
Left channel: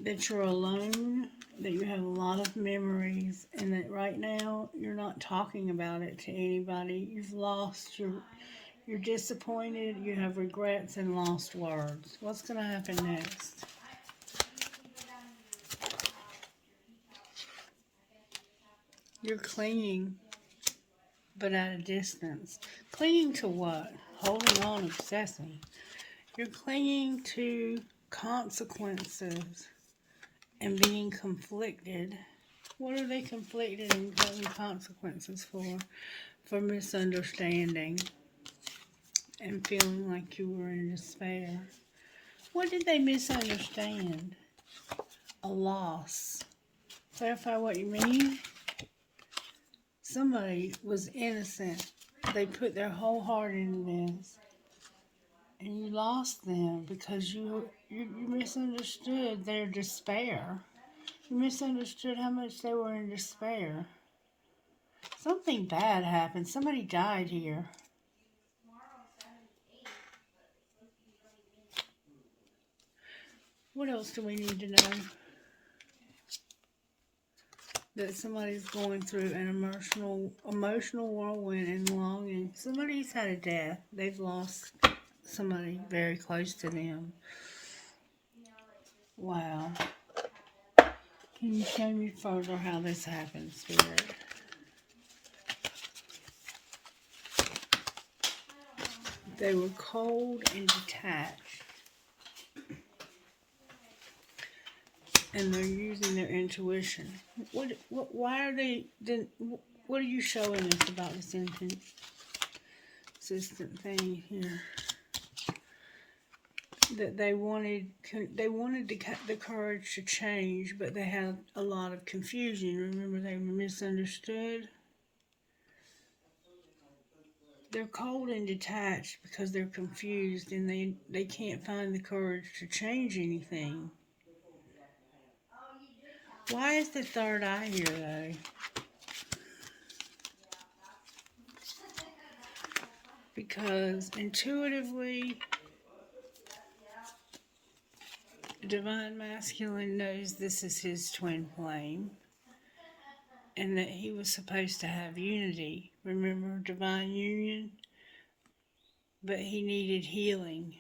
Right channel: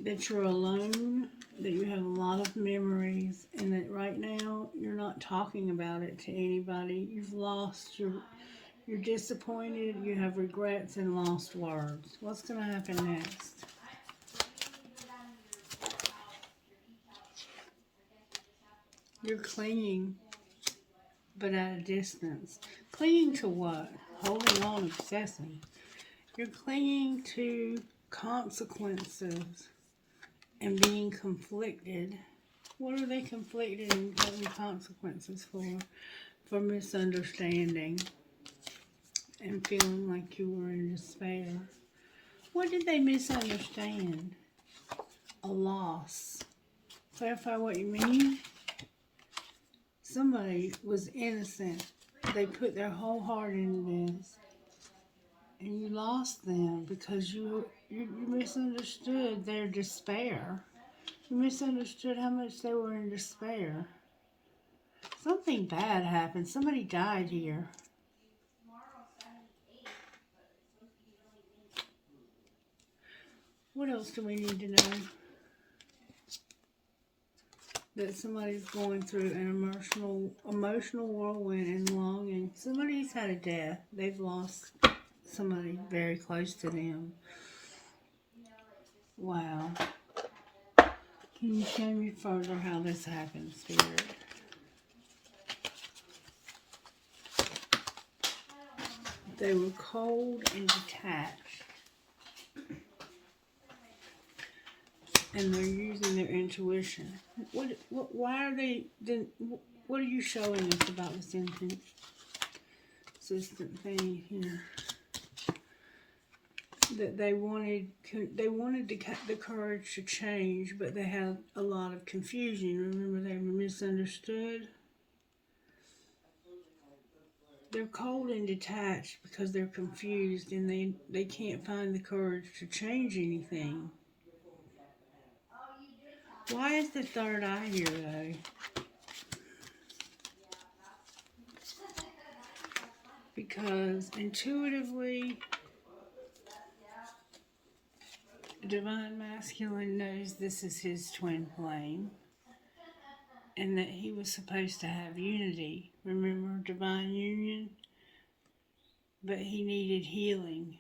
That you're alone, that you have a lot of memories, and that right now you're not talking about it to anybody. You've lost you're disappointed, you have regrets and lost words. What's going to happen next? You're clinging, but at a distance. Clinging to what? Holding on, obsessing. You're clinging to consequences and being conflicted. What are they conflicted and causing consequences for? For misunderstanding and feeling like you were in despair. What did they misunderstand? A loss. Clarify what you mean. Somebody was innocent. They put their whole heart into this. And you lost them because you misunderstood their despair. You misunderstood how much they were in despair. Something bad happened. Somebody died here. What else do we need to know? That somebody's going through an emotional whirlwind and longing. Somebody's had a death. They've lost somebody very close to them. Wow. Can you show me further how this happens, Spirit? They were cold and detached. And they're using their intuition. Why are they, what are you showing us about this inconsistent thing here? That they wanted the courage to change, but they had a lot of confusion. Remember, they were misunderstood. They're cold and detached because they're confused and they can't find the courage to change anything. Why is the third eye here, though? Because intuitively, Divine Masculine knows this is his twin flame and that he was supposed to have unity. Remember, divine union? But he needed healing.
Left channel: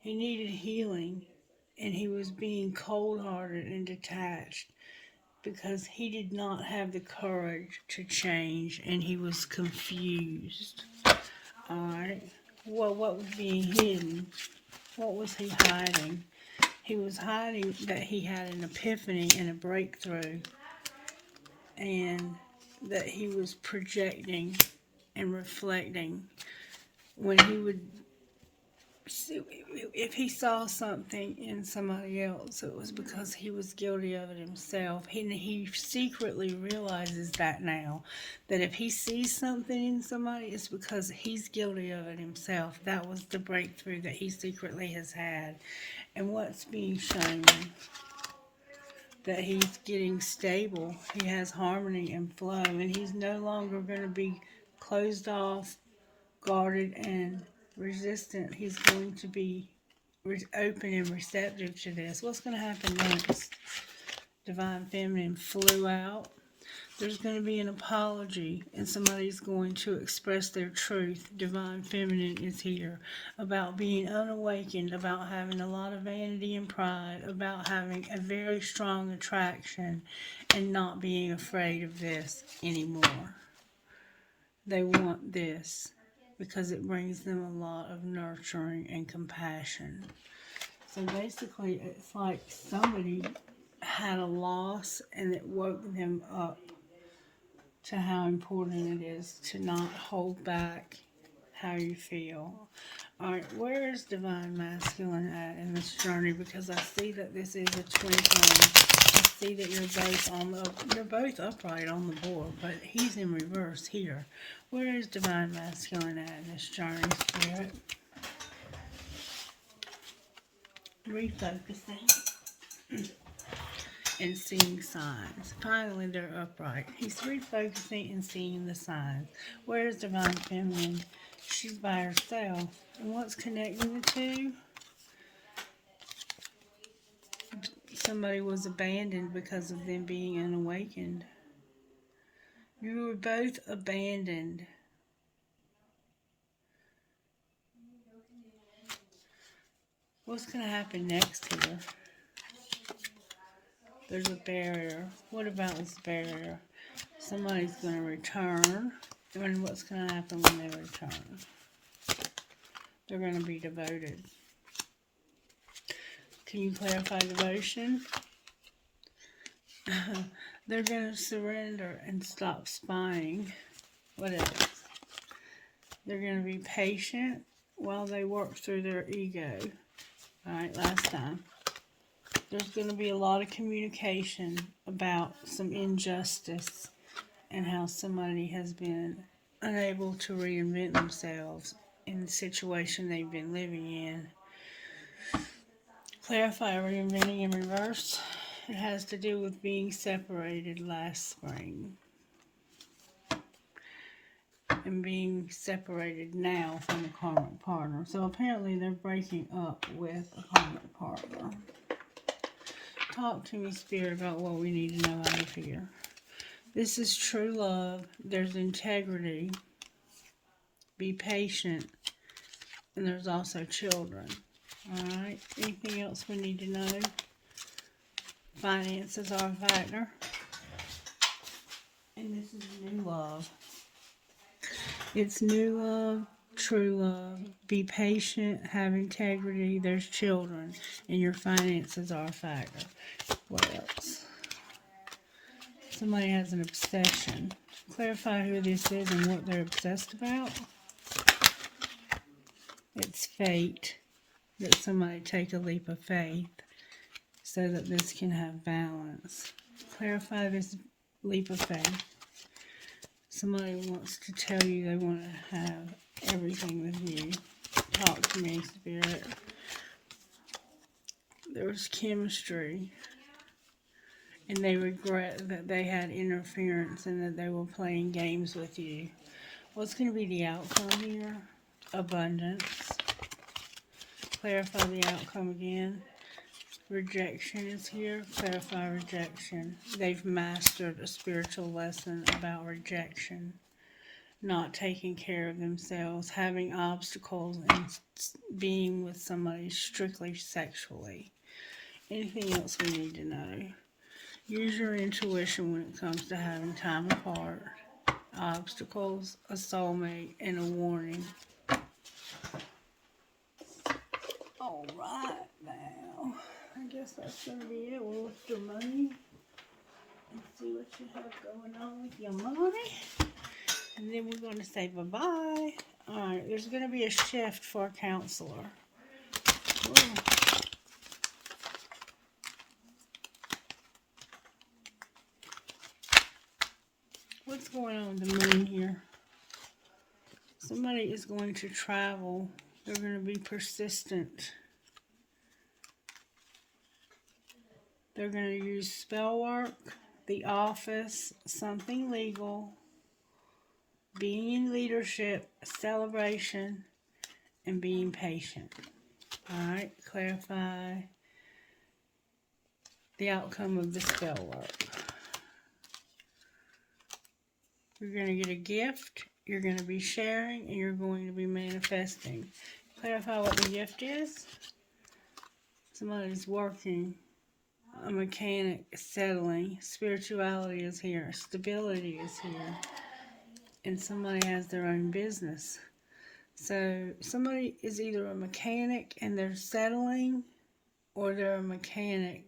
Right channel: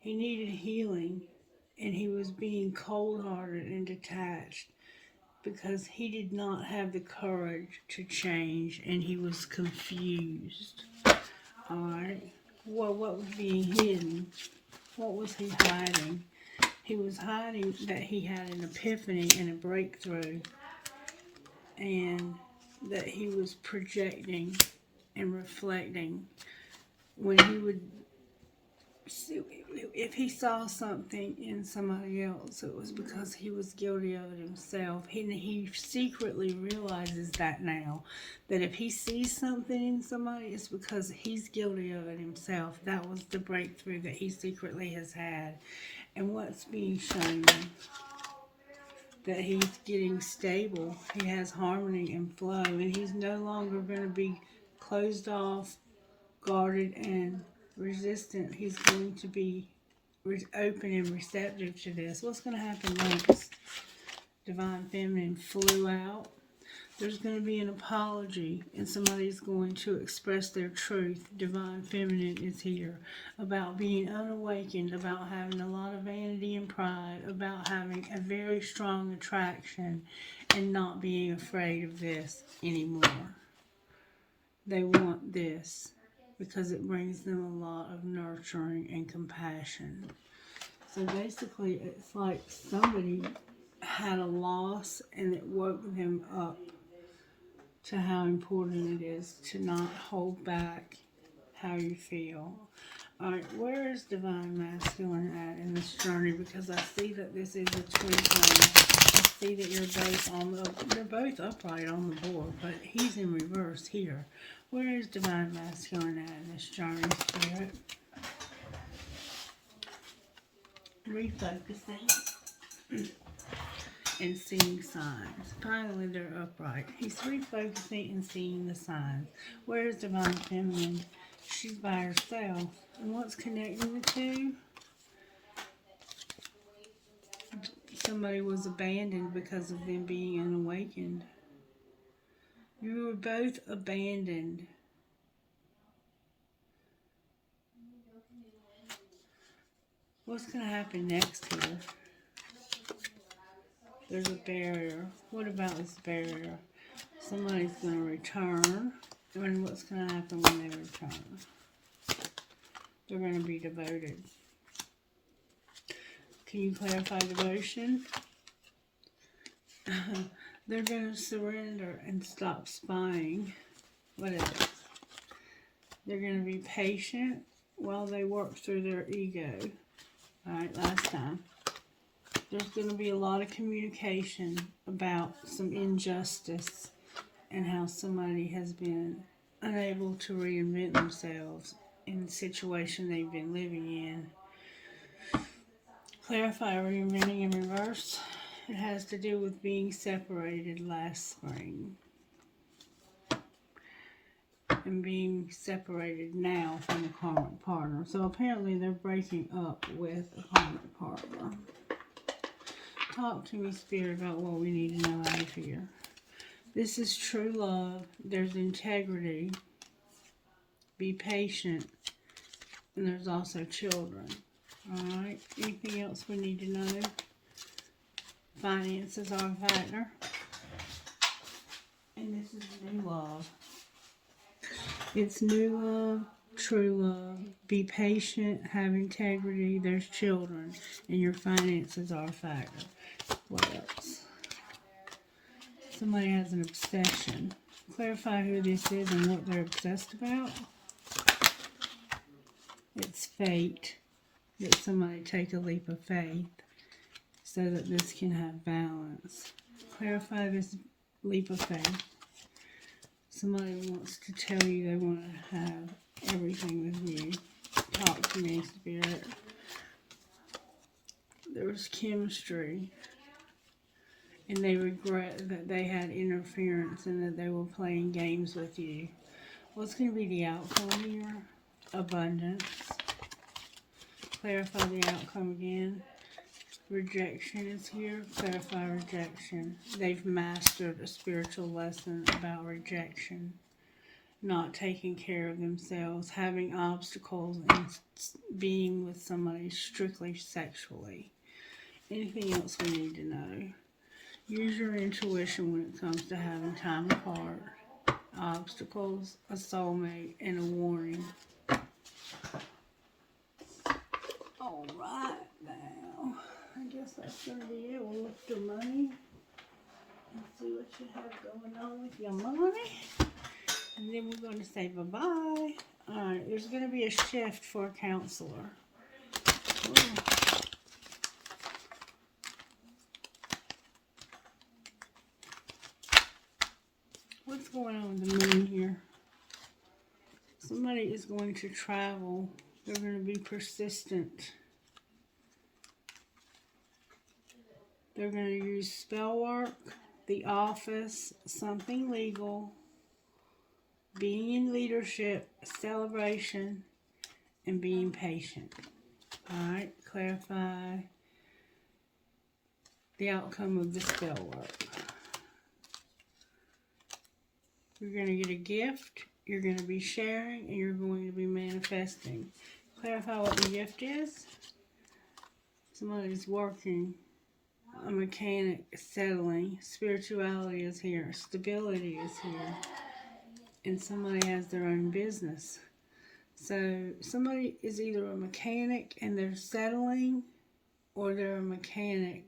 He needed healing, and he was being cold-hearted and detached because he did not have the courage to change, and he was confused. Alright? Well, what was being hidden? What was he hiding? He was hiding that he had an epiphany and a breakthrough, and that he was projecting and reflecting. When he would, if he saw something in somebody else, it was because he was guilty of it himself. He secretly realizes that now, that if he sees something in somebody, it's because he's guilty of it himself. That was the breakthrough that he secretly has had. And what's being shown? That he's getting stable. He has harmony and flow, and he's no longer going to be closed off, guarded, and resistant. He's going to be open and receptive to this. What's going to happen next? Divine Feminine flew out. There's going to be an apology, and somebody's going to express their truth. Divine Feminine is here, about being unawakened, about having a lot of vanity and pride, about having a very strong attraction, and not being afraid of this anymore. They want this because it brings them a lot of nurturing and compassion. So basically, it's like somebody had a loss and it woke them up to how important it is to not hold back how you feel. Alright, where is Divine Masculine at in this journey? Because I see that this is a twin flame. I see that you're both upright on the board, but he's in reverse here. Where is Divine Masculine at in this journey, Spirit? Refocusing. And seeing signs. Finally, they're upright. He's refocusing and seeing the signs. Where's Divine Feminine? She's by herself. And what's connecting the two? Somebody was abandoned because of them being unawakened. You were both abandoned. What's going to happen next here? There's a barrier. What about this barrier? Somebody's going to return. And what's going to happen when they return? They're going to be devoted. Can you clarify devotion? They're going to surrender and stop spying. What else? They're going to be patient while they work through their ego. Alright, last time. There's going to be a lot of communication about some injustice and how somebody has been unable to reinvent themselves in the situation they've been living in. Clarify reinventing in reverse. It has to do with being separated last spring. And being separated now from a karmic partner. So apparently they're breaking up with a karmic partner. Talk to me, Spirit, about what we need to know out of here. This is true love. There's integrity. Be patient. And there's also children. Alright. Anything else we need to know? finances are a factor. And this is new love. It's new love, true love. Be patient, have integrity. There's children, and your finances are a factor. What else? Somebody has an obsession. Clarify who this is and what they're obsessed about. It's fate. That somebody take a leap of faith so that this can have balance. Clarify this leap of faith. Somebody wants to tell you they want to have everything with you. Talk to me, Spirit. There was chemistry. And they regret that they had interference and that they were playing games with you. What's going to be the outcome here? Abundance. Clarify the outcome again. Rejection is here. Clarify rejection. They've mastered a spiritual lesson about rejection. Not taking care of themselves. Having obstacles and being with somebody strictly sexually. Anything else we need to know? Use your intuition when it comes to having time apart. Obstacles, a soulmate, and a warning. Alright now. I guess that's going to be it. We'll look at your money and see what you have going on with your money. And then we're going to say bye-bye. Alright, there's going to be a shift for a counselor. Ooh. What's going on with the moon here? Somebody is going to travel. They're going to be persistent. They're going to use spell work, the office, something legal, being in leadership, celebration, and being patient. Alright, clarify the outcome of the spell work. You're going to get a gift, you're going to be sharing, and you're going to be manifesting. Clarify what the gift is. Somebody's working, a mechanic, settling, spirituality is here, stability is here, and somebody has their own business. So somebody is either a mechanic and they're settling, or they're a mechanic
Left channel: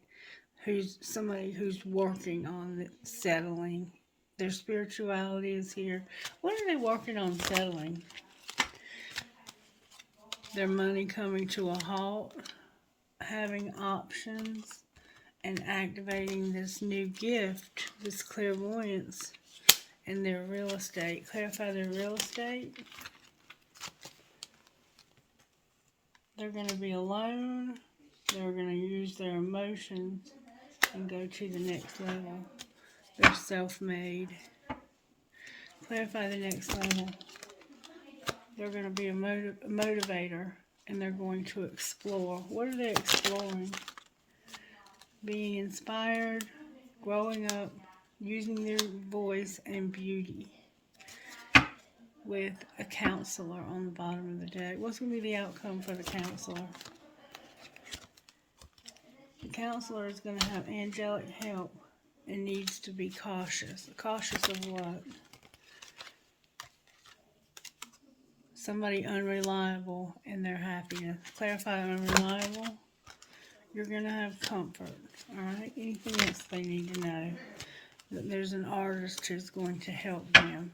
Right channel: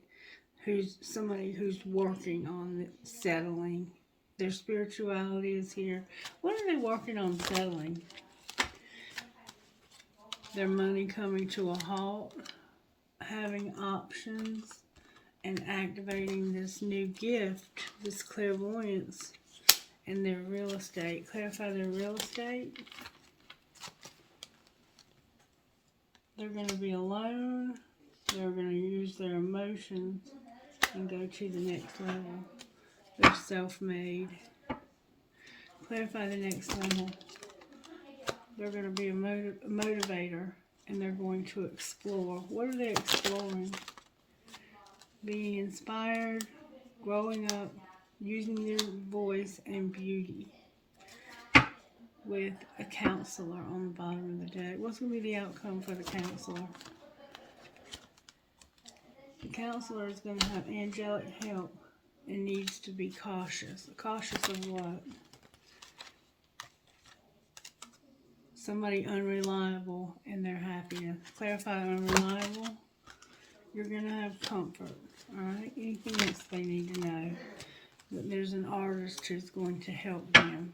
who's somebody who's working on the settling. Their spirituality is here. What are they working on settling? Their money coming to a halt, having options, and activating this new gift, this clairvoyance, and their real estate. Clarify their real estate. They're going to be alone. They're going to use their emotions and go to the next level. They're self-made. Clarify the next level. They're going to be a motivator, and they're going to explore. What are they exploring? Being inspired, growing up, using their voice and beauty. With a counselor on the bottom of the deck. What's going to be the outcome for the counselor? The counselor is going to have angelic help and needs to be cautious. Cautious of what? Somebody unreliable in their happiness. Clarify unreliable. You're going to have comfort. Alright? Anything else they need to know? That there's an artist who's going to help them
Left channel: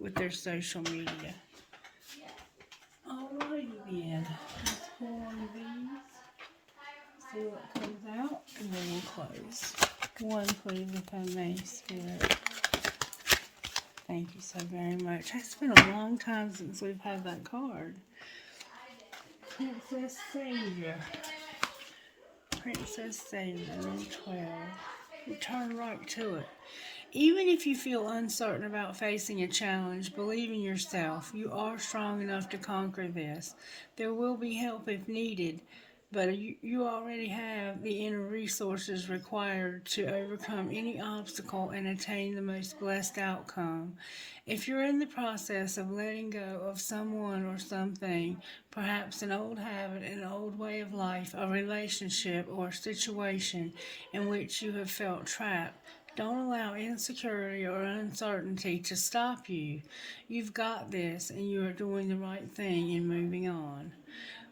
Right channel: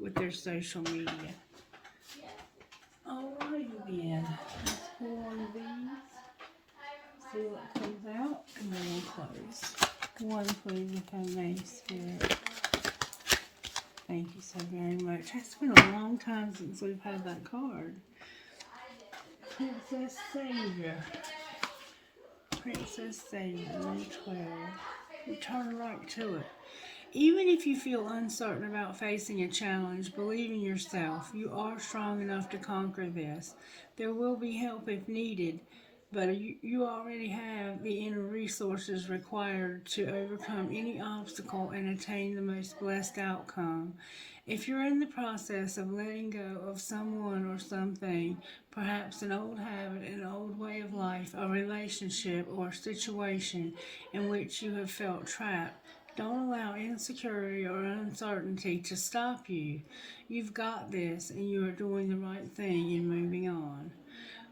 with their social media. Alrighty then. Let's pull one of these. See what comes out. And then we'll close. One, please, if I may, Spirit. Thank you so very much. It's been a long time since we've had that card. Princess Savior. Princess Savior, number 12. Return right to it. Even if you feel uncertain about facing a challenge, believe in yourself. You are strong enough to conquer this. There will be help if needed. but you already have the inner resources required to overcome any obstacle and attain the most blessed outcome. If you're in the process of letting go of someone or something, perhaps an old habit, an old way of life, a relationship, or situation in which you have felt trapped, don't allow insecurity or uncertainty to stop you. You've got this, and you are doing the right thing in moving on.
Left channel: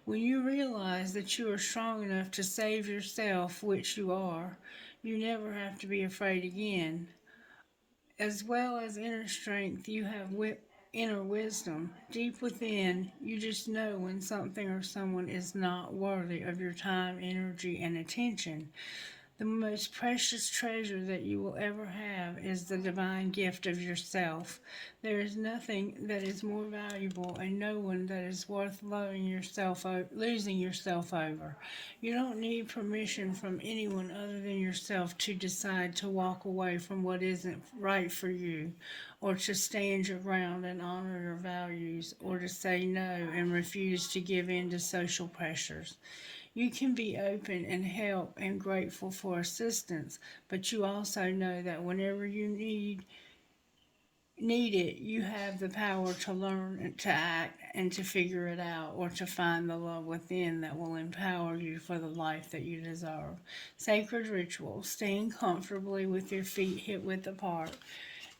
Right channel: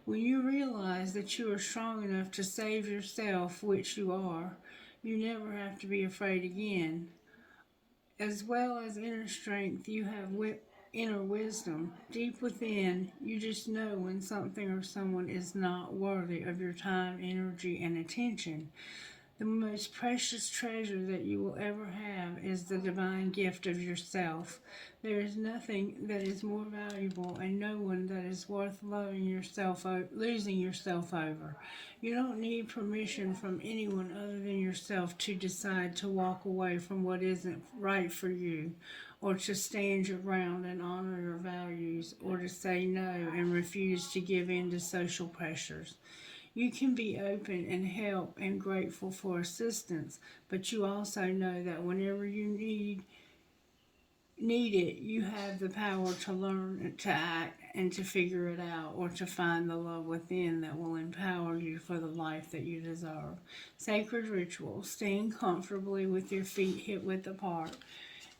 When you realize that you are strong enough to save yourself, which you are, you never have to be afraid again. As well as inner strength, you have inner wisdom. Deep within, you just know when something or someone is not worthy of your time, energy, and attention. The most precious treasure that you will ever have is the divine gift of yourself. There is nothing that is more valuable and no one that is worth losing yourself over. You don't need permission from anyone other than yourself to decide to walk away from what isn't right for you, or to stand your ground and honor your values, or to say no and refuse to give in to social pressures. You can be open and help and grateful for assistance, but you also know that whenever you need it, you have the power to learn to act and to figure it out, or to find the love within that will empower you for the life that you deserve. Sacred ritual, staying comfortably with your feet hip width apart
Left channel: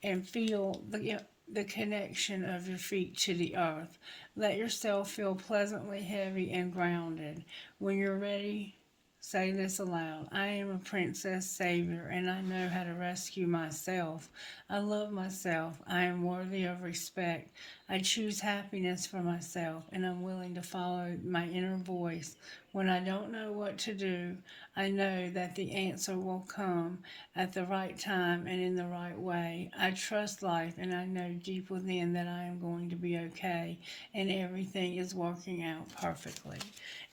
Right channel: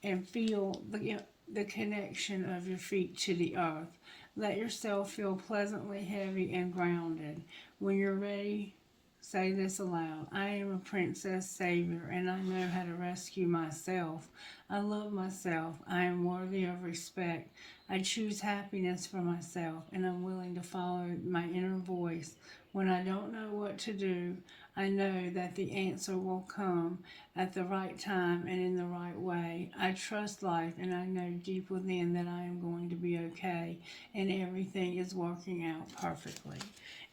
and feel the connection of your feet to the earth. Let yourself feel pleasantly heavy and grounded. When you're ready, say this aloud: I am a princess savior and I know how to rescue myself. I love myself. I am worthy of respect. I choose happiness for myself and I'm willing to follow my inner voice. When I don't know what to do, I know that the answer will come at the right time and in the right way. I trust life and I know deep within that I am going to be okay and everything is working out perfectly.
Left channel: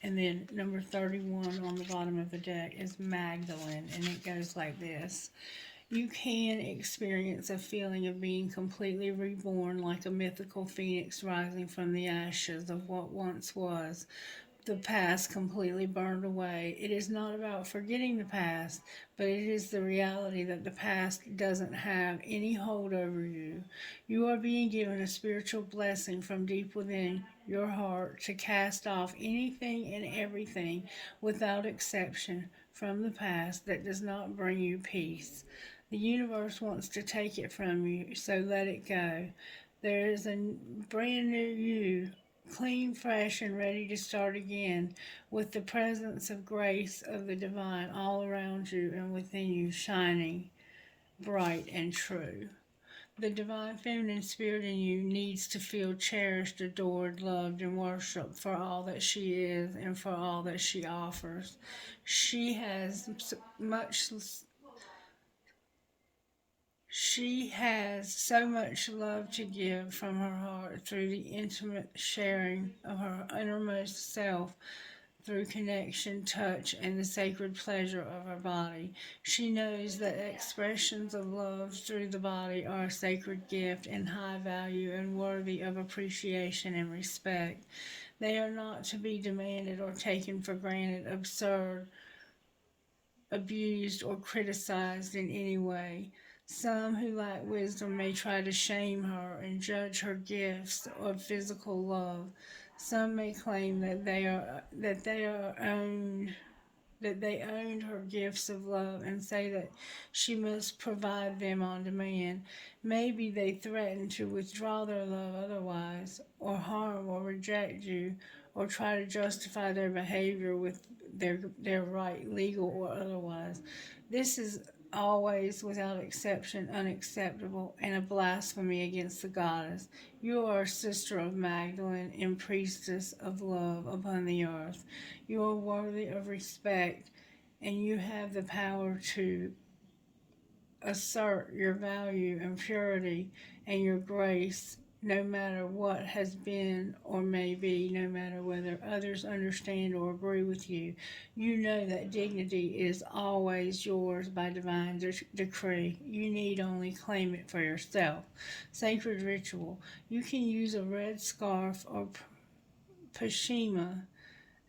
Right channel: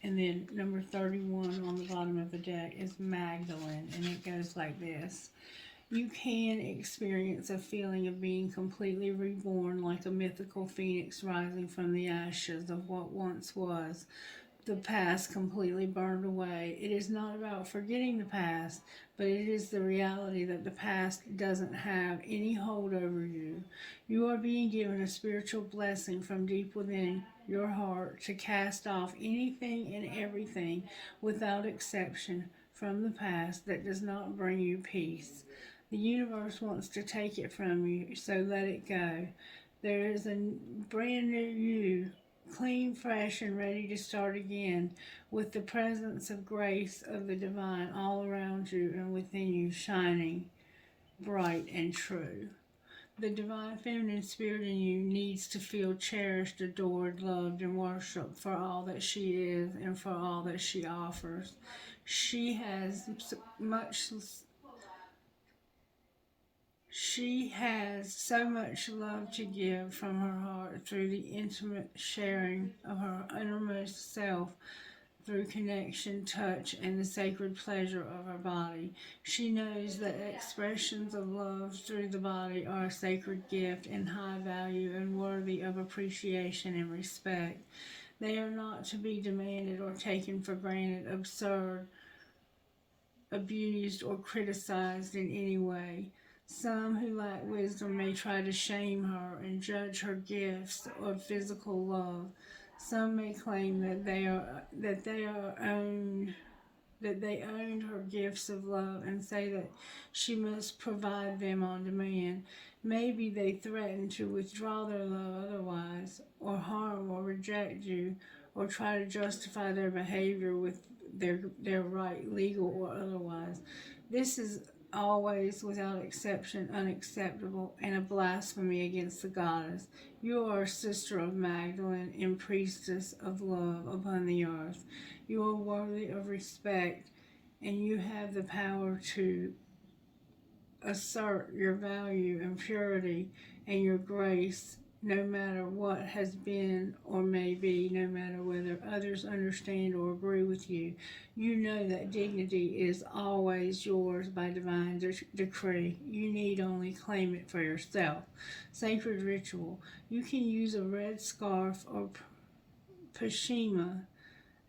And then number 31 on the bottom of the deck is Magdalene, and it goes like this. You can experience a feeling of being completely reborn, like a mythical phoenix rising from the ashes of what once was. The past completely burned away. It is not about forgetting the past, but it is the reality that the past doesn't have any hold over you. You are being given a spiritual blessing from deep within your heart to cast off anything and everything without exception from the past that does not bring you peace. The universe wants to take it from you, so let it go. There is a brand new you, clean, fresh, and ready to start again, with the presence of grace of the divine all around you and within you, shining bright and true. The divine feminine spirit in you needs to feel cherished, adored, loved, and worshiped for all that she is and for all that she offers. She has much She has so much love to give from her heart through the intimate sharing of her innermost self, through connection, touch, and the sacred pleasure of her body. She knows that expressions of love through the body are a sacred gift and high value and worthy of appreciation and respect. They are not to be demanded or taken for granted, absurd, abused, or criticized in any way. Some who lack wisdom may try to shame her and judge her gifts of physical love. Some may claim that they owned her gifts of love and say that she must provide them on demand. Maybe they threaten to withdraw their love otherwise, or harm or reject you, or try to justify their behavior with their right, legal or otherwise. This is always, without exception, unacceptable and a blasphemy against the goddess. You are a sister of Magdalene and priestess of love upon the earth. You are worthy of respect, and you have the power to assert your value and purity and your grace, no matter what has been or may be, no matter whether others understand or agree with you. You know that dignity is always yours by divine decree. You need only claim it for yourself. Sacred ritual. You can use a red scarf or pashima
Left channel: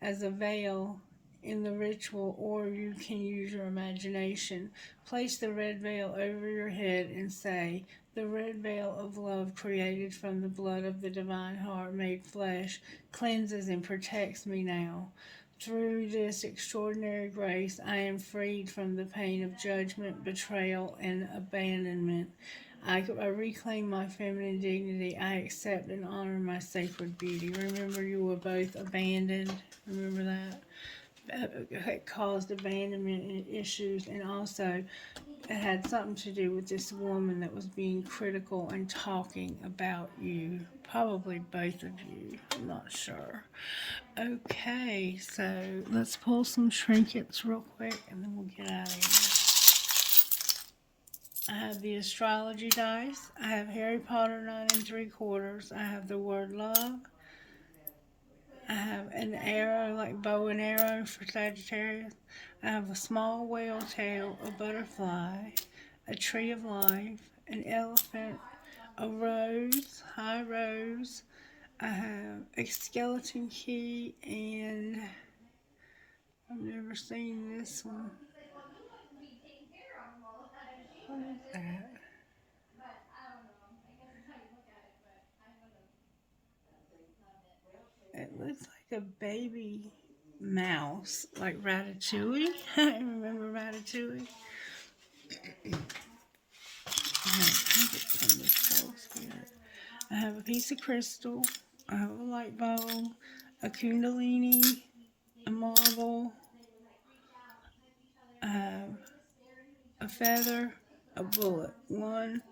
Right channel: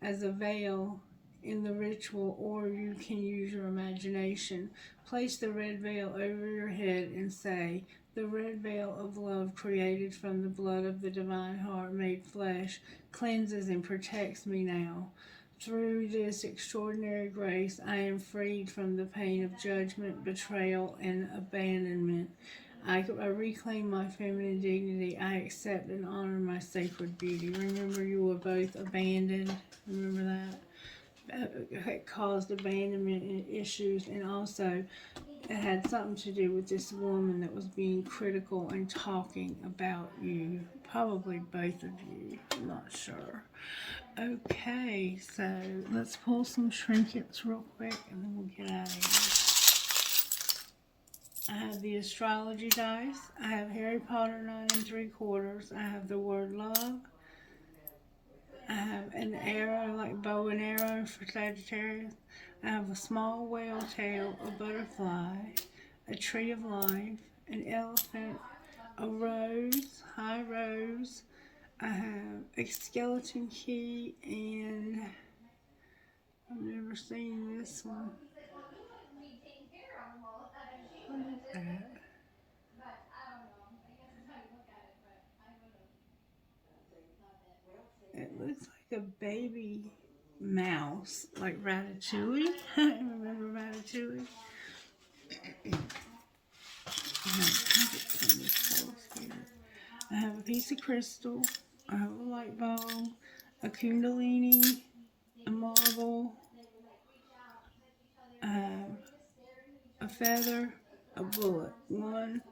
as a veil in the ritual, or you can use your imagination. Place the red veil over your head and say, "The red veil of love created from the blood of the divine heart made flesh cleanses and protects me now. Through this extraordinary grace, I am freed from the pain of judgment, betrayal, and abandonment. I reclaim my feminine dignity. I accept and honor my sacred beauty." Remember, you were both abandoned. Remember that? It caused abandonment issues, and also it had something to do with this woman that was being critical and talking about you. Probably both of you. I'm not sure. Okay, so let's pull some trinkets real quick and then we'll get out of here. I have the astrology dice. I have Harry Potter 9 3/4. I have the word love. I have an arrow, like bow and arrow for Sagittarius. I have a small whale tail, a butterfly, a tree of life, an elephant, a rose, high rose. I have a skeleton key, and I've never seen this one. What is that? It looks like a baby mouse, like Ratatouille. Remember Ratatouille? I have a piece of crystal. I have a light bulb, a kundalini, a marble. I have a feather, a bullet. 1,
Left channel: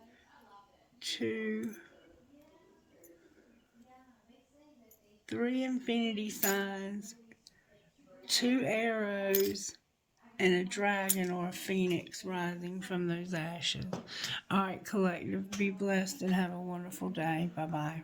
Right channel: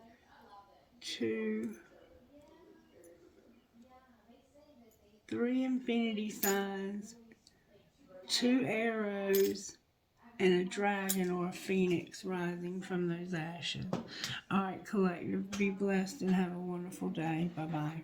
2, 3 infinity signs, 2 arrows, and a dragon or a phoenix rising from those ashes. All right, collective, be blessed and have a wonderful day. Bye-bye.